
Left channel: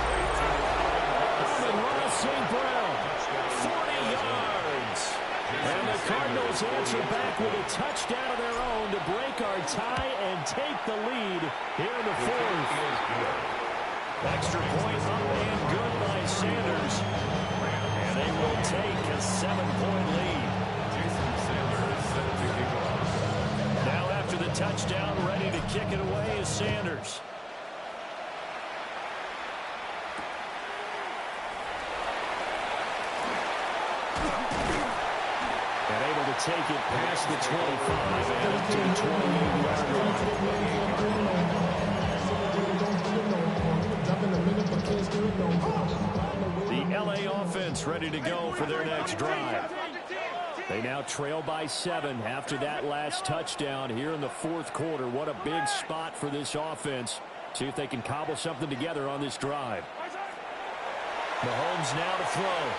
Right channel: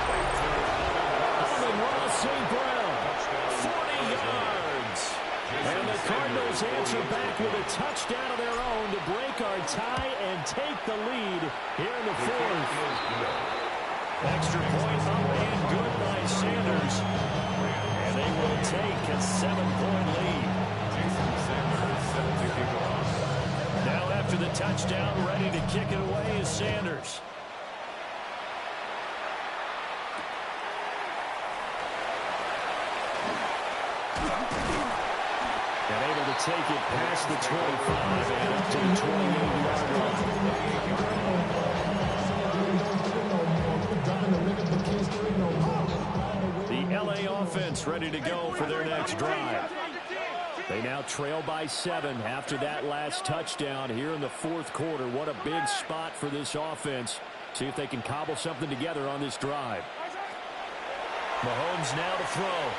Amon-Ra St. Brown, 40 yards. And the Cardinals Saints answer back with a touchdown of their own to break our tie and take the lead here in the fourth. Extra point up and good by Sanders. And they will take a 7-point lead. Jason Sanders is set to kick off. Now after the touchdown, ready to kick it away is Sanders. And able to take it past the 25 and up to the 28-yard line. The LA offense ready to go for their next drive. They now trail by 7 after that last touchdown here in the fourth quarter. What a big spot for this offense. See if they can cobble something together on this drive. Mahomes now to throw.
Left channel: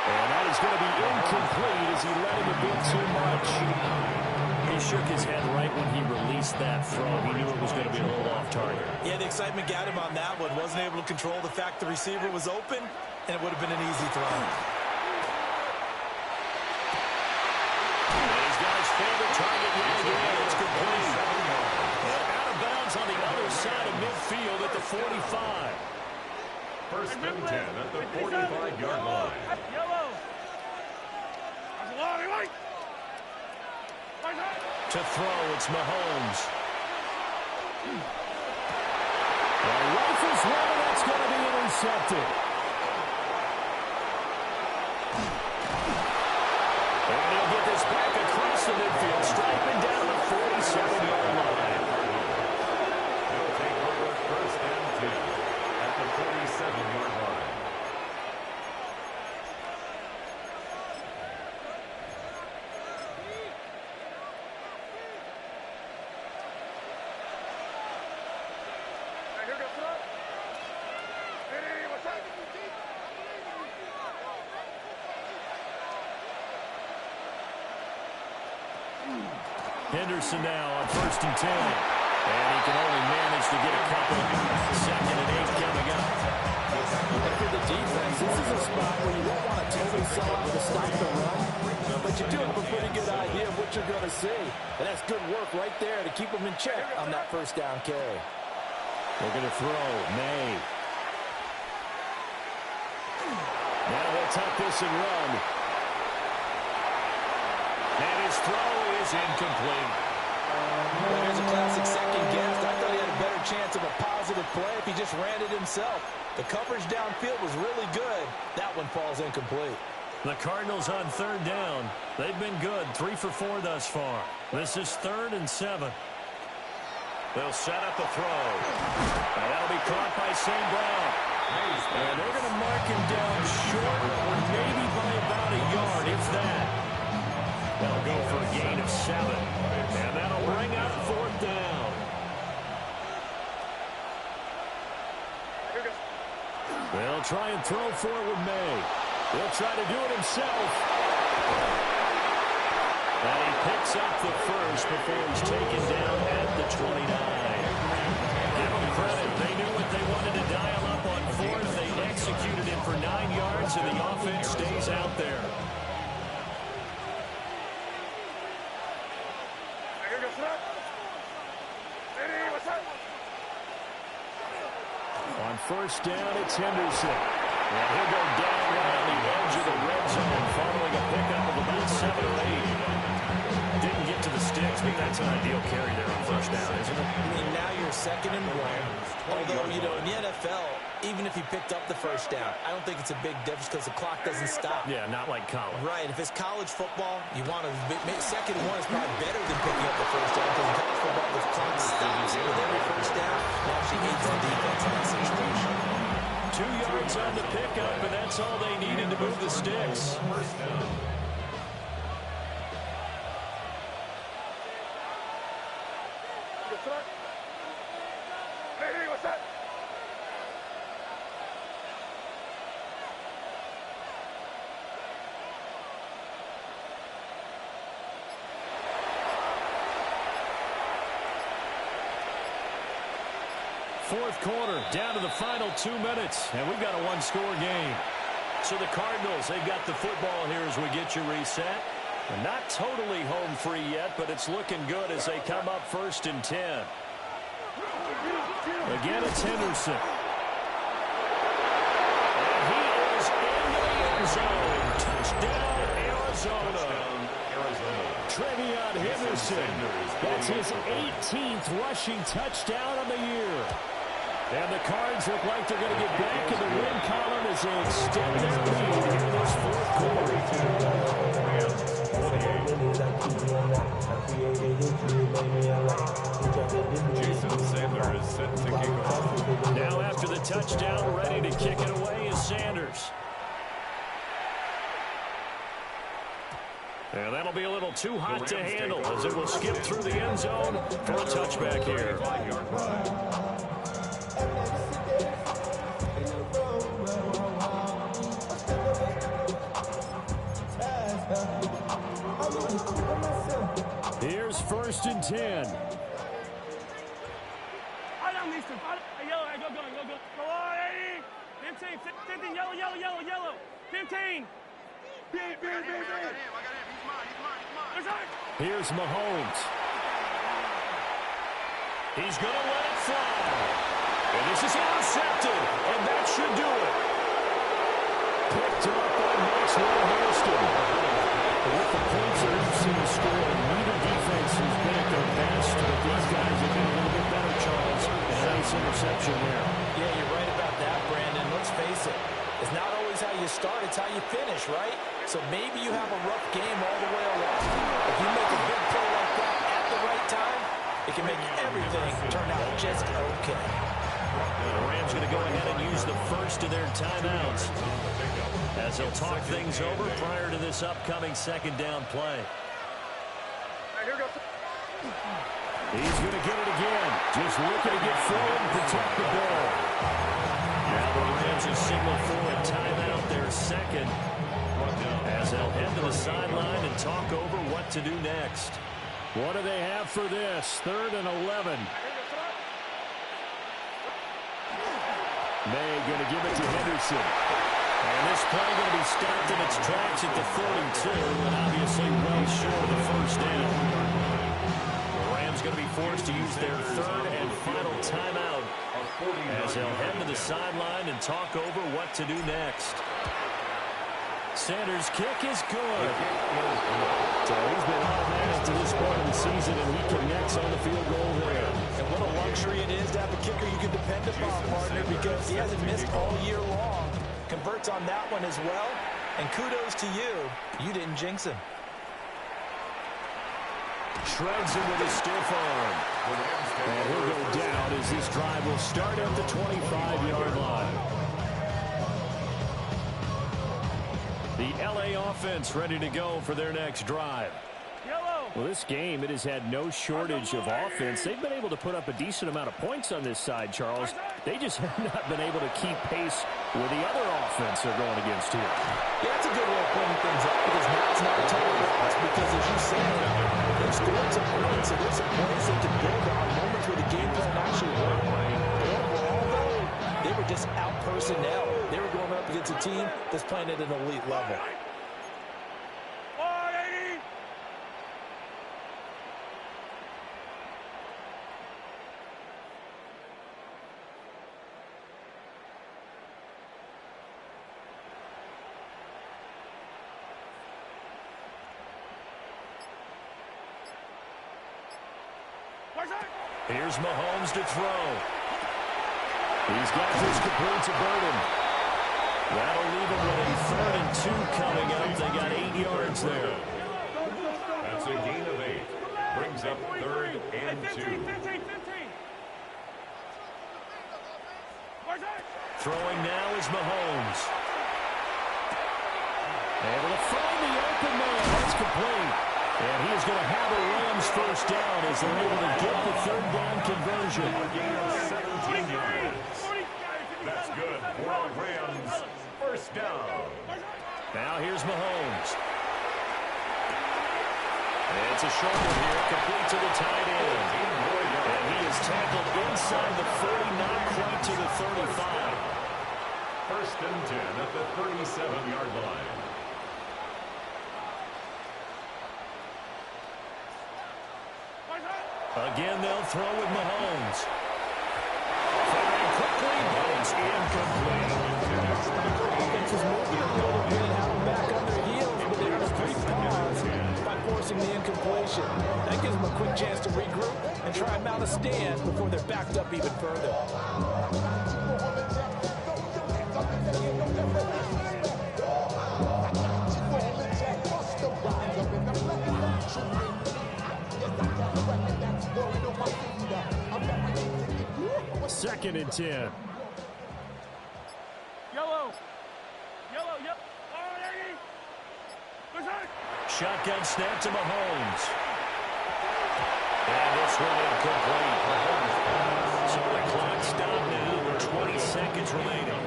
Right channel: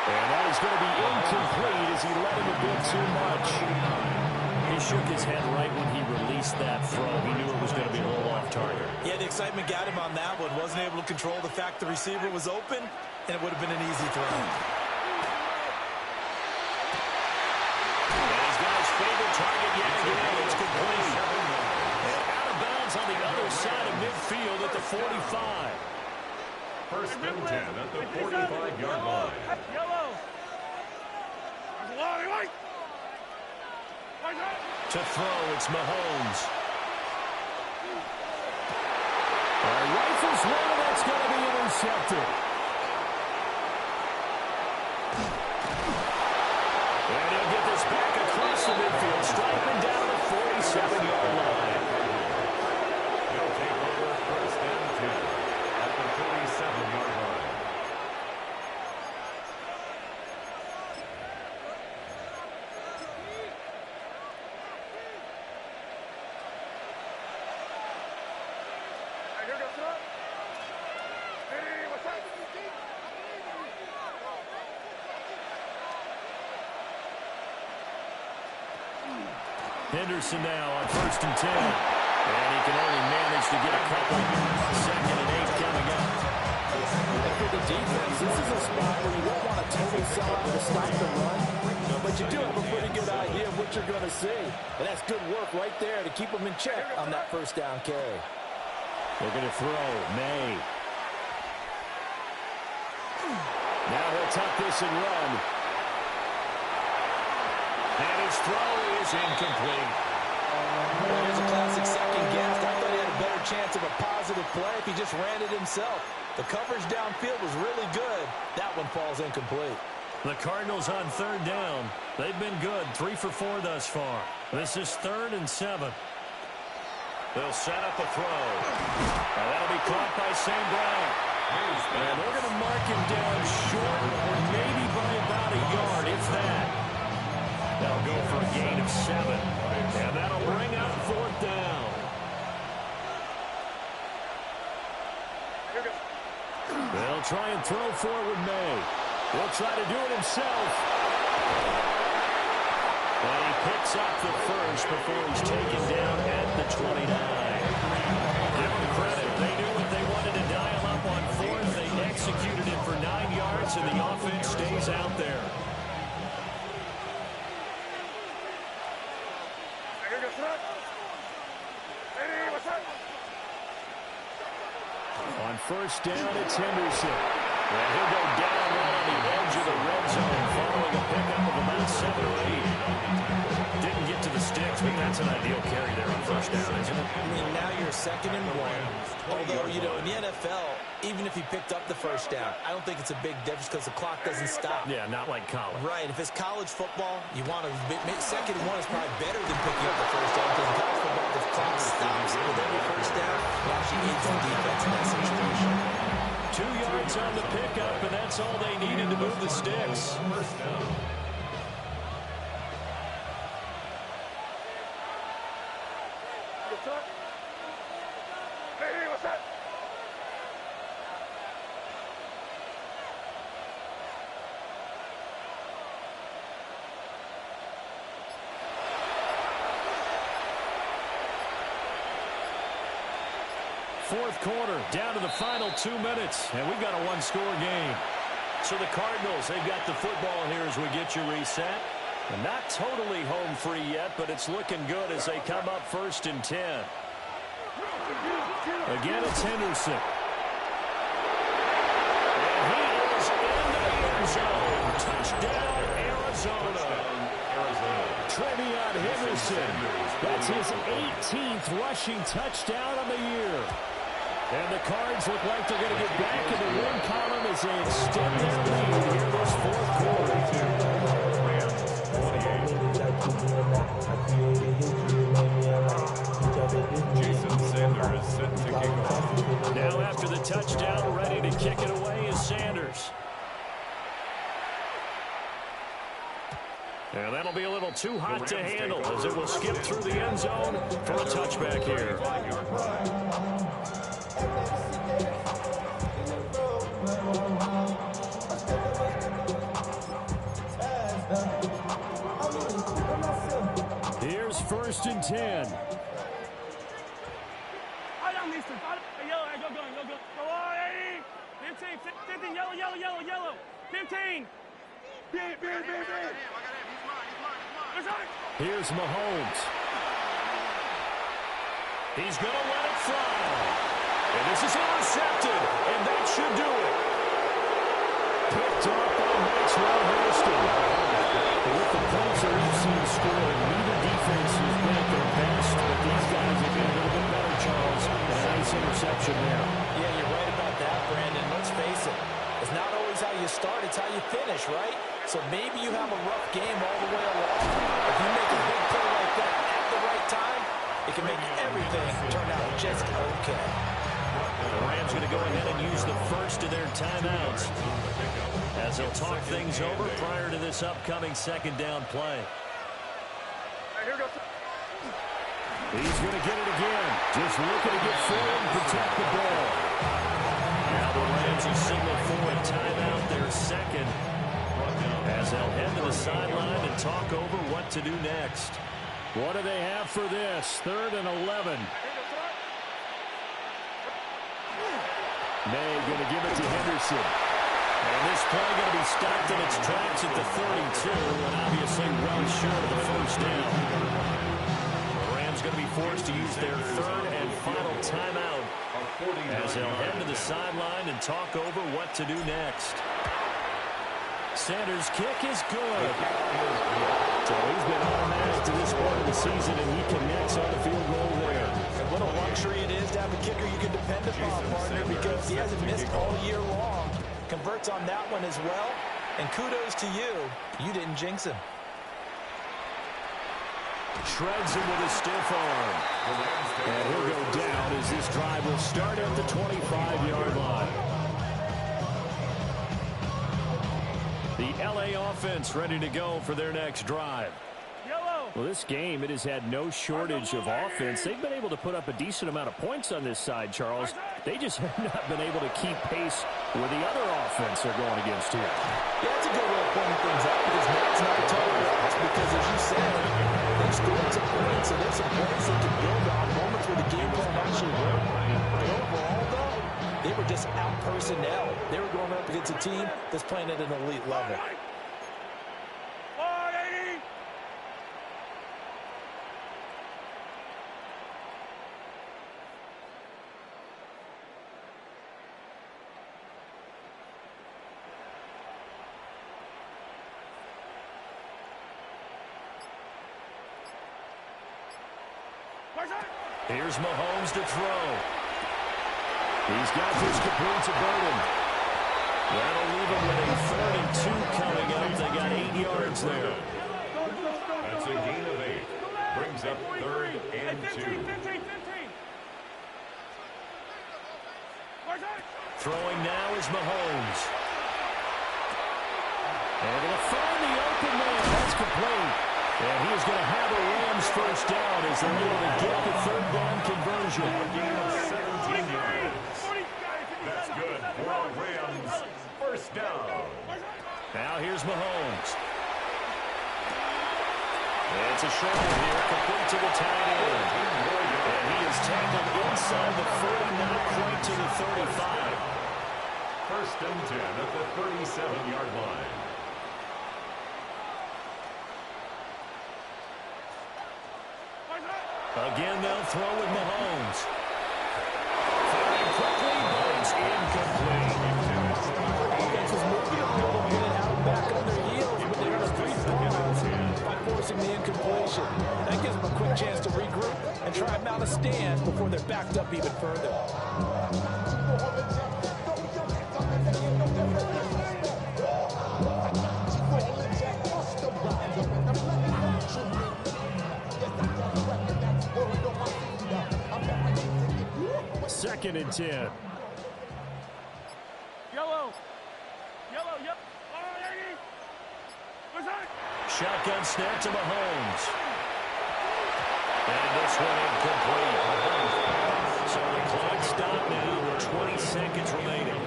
And that is going to be incomplete as he let him a bit too much. He shook his head right when he released that throw. He knew it was going to be a little off target. Yeah, the excitement got him on that one. Wasn't able to control the fact the receiver was open, and it would have been an easy throw. And he's got his favorite target yet again. It's complete. And out of bounds on the other side of midfield at the 45. First and 10 at the 45-yard line. Yellow. To throw, it's Mahomes. He rifles one, and that's going to be intercepted. And he'll get this back across the midfield, striping down the 47-yard line. He'll take over first and 10 at the 47-yard line. Henderson now on first and 10. And he can only manage to get a couple. Second and 8 coming up. And for the defense, this is a spot where you don't want to totally sell out to stop the run, but you do have a pretty good idea of what you're going to see. And that's good work right there to keep them in check on that first down carry. They're going to throw. May. Now he'll tuck this and run. And his throw is incomplete. Well, here's a classic second guess. I thought he had a better chance of a positive play if he just ran it himself. The coverage downfield was really good. That one falls incomplete. The Cardinals on third down. They've been good. 3 for 4 thus far. This is 3rd and 7. They'll set up a throw. Now that'll be caught by St. Brown. And they're going to mark him down short, or maybe by about a yard, if that. They'll go for a gain of 7. And that'll bring up 4th down. They'll try and throw for it with May. He'll try to do it himself. And he picks up the first before he's taken down at the 29. Give them credit. They knew what they wanted to dial up on 4th. They executed it for 9 yards, and the offense stays out there. On first down, it's Henderson. And he'll go down right on the edge of the red zone following a pickup of about 7 or 8. Didn't get to the sticks, but that's an ideal carry there on first down, isn't it? I mean, now you're 2nd and 1. Although, you know, in the NFL, even if he picked up the first down, I don't think it's a big difference because the clock doesn't stop. Yeah, not like college. Right. If it's college football, you want to 2nd and 1 is probably better than picking up the first down because in college football, the clock stops with every first down. It actually aids the defense in that situation. 2 yards on the pickup, and that's all they needed to move the sticks. First down. Fourth quarter, down to the final 2 minutes, and we've got a one-score game. So the Cardinals, they've got the football here as we get you reset. Not totally home free yet, but it's looking good as they come up 1st and 10. Again, it's Henderson. And he is into the end zone. Touchdown, Arizona. Trevion Henderson. That's his 18th rushing touchdown of the year. And the Cards look like they're going to get back in the win column as they extend their lead here this 4th quarter. Rams 28. Jason Sanders set to kick off. Now after the touchdown, ready to kick it away is Sanders. And that'll be a little too hot to handle as it will skip through the end zone for a touchback here. Here's 1st and 10. I don't need to. Yellow, go. Go on, 80. 15, yellow. 15. Beat. I got him. He's mine. Here's Mahomes. He's going to let it fly. And this is intercepted, and that should do it. Picked up by Maxwell Hairston. With the points that we've seen scored, neither defense has been at their best, but these guys have been a little bit better, Charles. And a nice interception there. Yeah, you're right about that, Brandon. Let's face it. It's not always how you start, it's how you finish, right? So maybe you have a rough game all the way along. If you make a big play like that at the right time, it can make everything turn out just okay. The Rams going to go ahead and use the first of their timeouts as they'll talk things over prior to this upcoming 2nd down play. Here goes. He's going to get it again. Just looking to get forward and protect the ball. Now the Rams will signal for a timeout, their 2nd, as they'll head to the sideline and talk over what to do next. What do they have for this? 3rd and 11. May going to give it to Henderson. And this play going to be stopped in its tracks at the 32, and obviously well short of the 1st down. The Rams going to be forced to use their 3rd and final timeout as they'll head to the sideline and talk over what to do next. Sanders' kick is good. So he's been automatic to this point of the season, and he connects on the field goal there. And what a luxury it is to have a kicker you can depend upon, partner, because he hasn't missed all year long. Converts on that one as well. And kudos to you. You didn't jinx him. Shreds him with a stiff arm. And he'll go down as this drive will start at the 25-yard line. The LA offense ready to go for their next drive. Well, this game, it has had no shortage of offense. They've been able to put up a decent amount of points on this side, Charles. They just have not been able to keep pace with the other offense they're going against here. Yeah, that's a good way of pointing things out, because now it's not a total loss, because as you said, they've scored some points, so there's some points they can build on, moments where the game plan actually worked. But overall, though, they were just out personnel. They were going up against a team that's playing at an elite level. Here's Mahomes to throw. He's got this complete to Burden. That'll leave him with a 3rd and 2 coming up. They got 8 yards there. That's a gain of 8. Brings up 3rd and 2. Throwing now is Mahomes. Able to find the open man. That's complete. And he is going to have a Rams first down as they're able to get the 3rd down conversion. Gain of 17 yards. That's good for a Rams first down. Now here's Mahomes. It's a short one here, complete to the tight end. And he is tackled inside the 40, not quite to the 35. 1st and 10 at the 37-yard line. Again, they'll throw with Mahomes. Firing quickly, but it's incomplete. Offense is moving a little bit, have them back on their heels, but they're in a brief pause by forcing the incompletion. That gives them a quick chance to regroup and try and mount a stand before they're backed up even further. Second and 10. Yellow. Yellow, yep. Oh, Yankee. What's that? Shotgun snap to Mahomes. And this one incomplete. So the clock stopped now with 20 seconds remaining.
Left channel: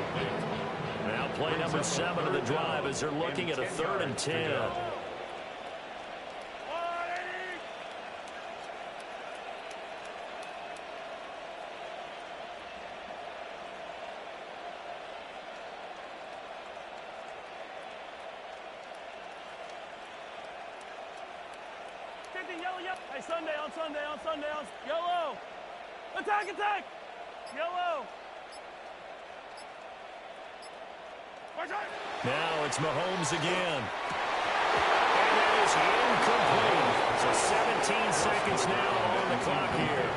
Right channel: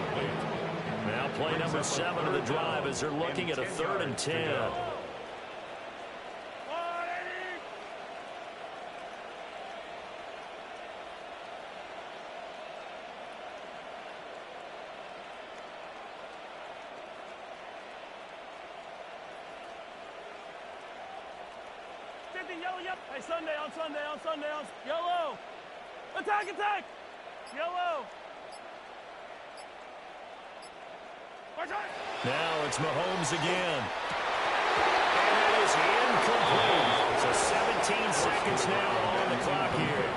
Now play number 7 of the drive as they're looking at a 3rd and 10. Yellow, yep. Hey, Sunday. Yellow. Attack. Yellow. Now it's Mahomes again. And it is incomplete. So 17 seconds now on the clock here.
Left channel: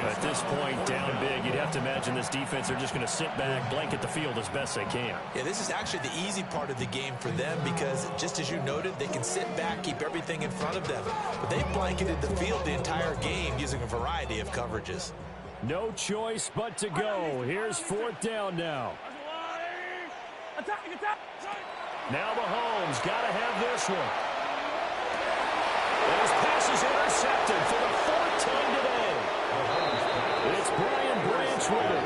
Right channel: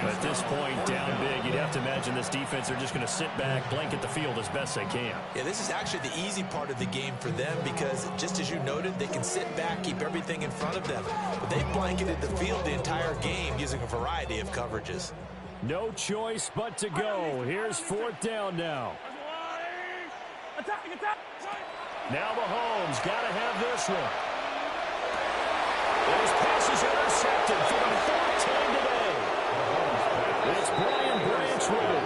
At this point, down big, you'd have to imagine this defense, they're just going to sit back, blanket the field as best they can. Yeah, this is actually the easy part of the game for them because, just as you noted, they can sit back, keep everything in front of them. But they've blanketed the field the entire game using a variety of coverages. No choice but to go. Here's 4th down now. Attack. Now Mahomes got to have this one. And his pass is intercepted for the 4th time today. It's Brian Branch with it.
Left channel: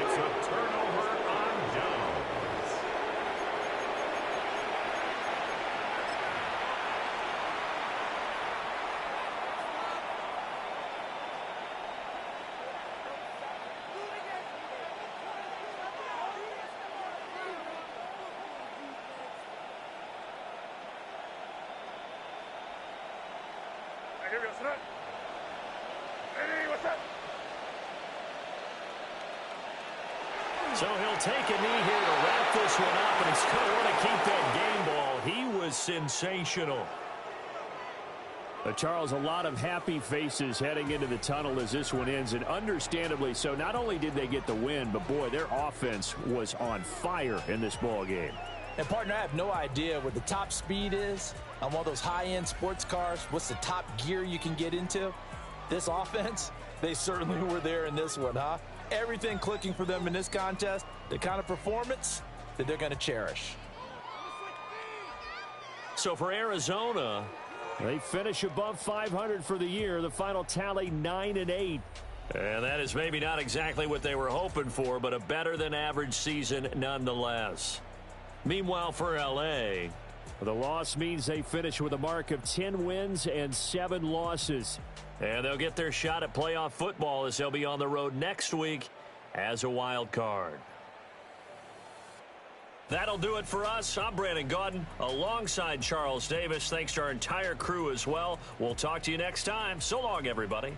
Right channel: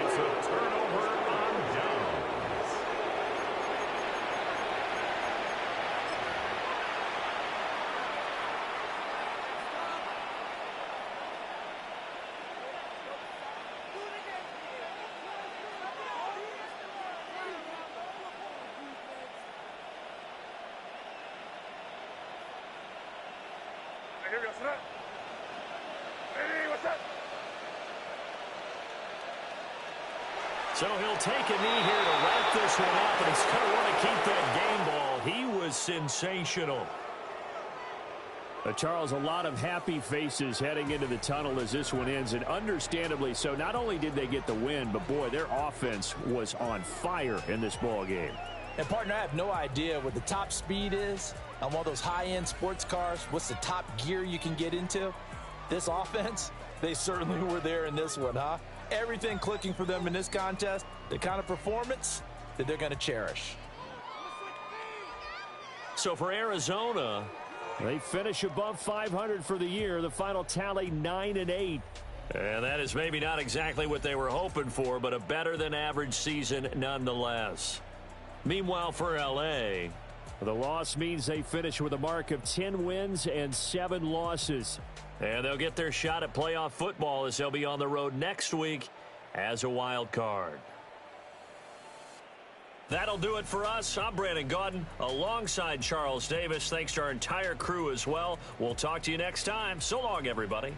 It's a turnover on downs. Here we go, sit up. Hey, what's up? So he'll take a knee here to wrap this one up, and he's going to want to keep that game ball. He was sensational. Charles, a lot of happy faces heading into the tunnel as this one ends, and understandably so. Not only did they get the win, but, boy, their offense was on fire in this ball game. And, partner, I have no idea what the top speed is on one of those high-end sports cars. What's the top gear you can get into? This offense, they certainly were there in this one, huh? Everything clicking for them in this contest, the kind of performance that they're going to cherish. So for Arizona, they finish above 500 for the year. The final tally 9-8. And that is maybe not exactly what they were hoping for, but a better than average season nonetheless. Meanwhile for LA, the loss means they finish with a mark of 10 wins and 7 losses. And they'll get their shot at playoff football as they'll be on the road next week as a wild card. That'll do it for us. I'm Brandon Gaudin alongside Charles Davis. Thanks to our entire crew as well. We'll talk to you next time. So long, everybody.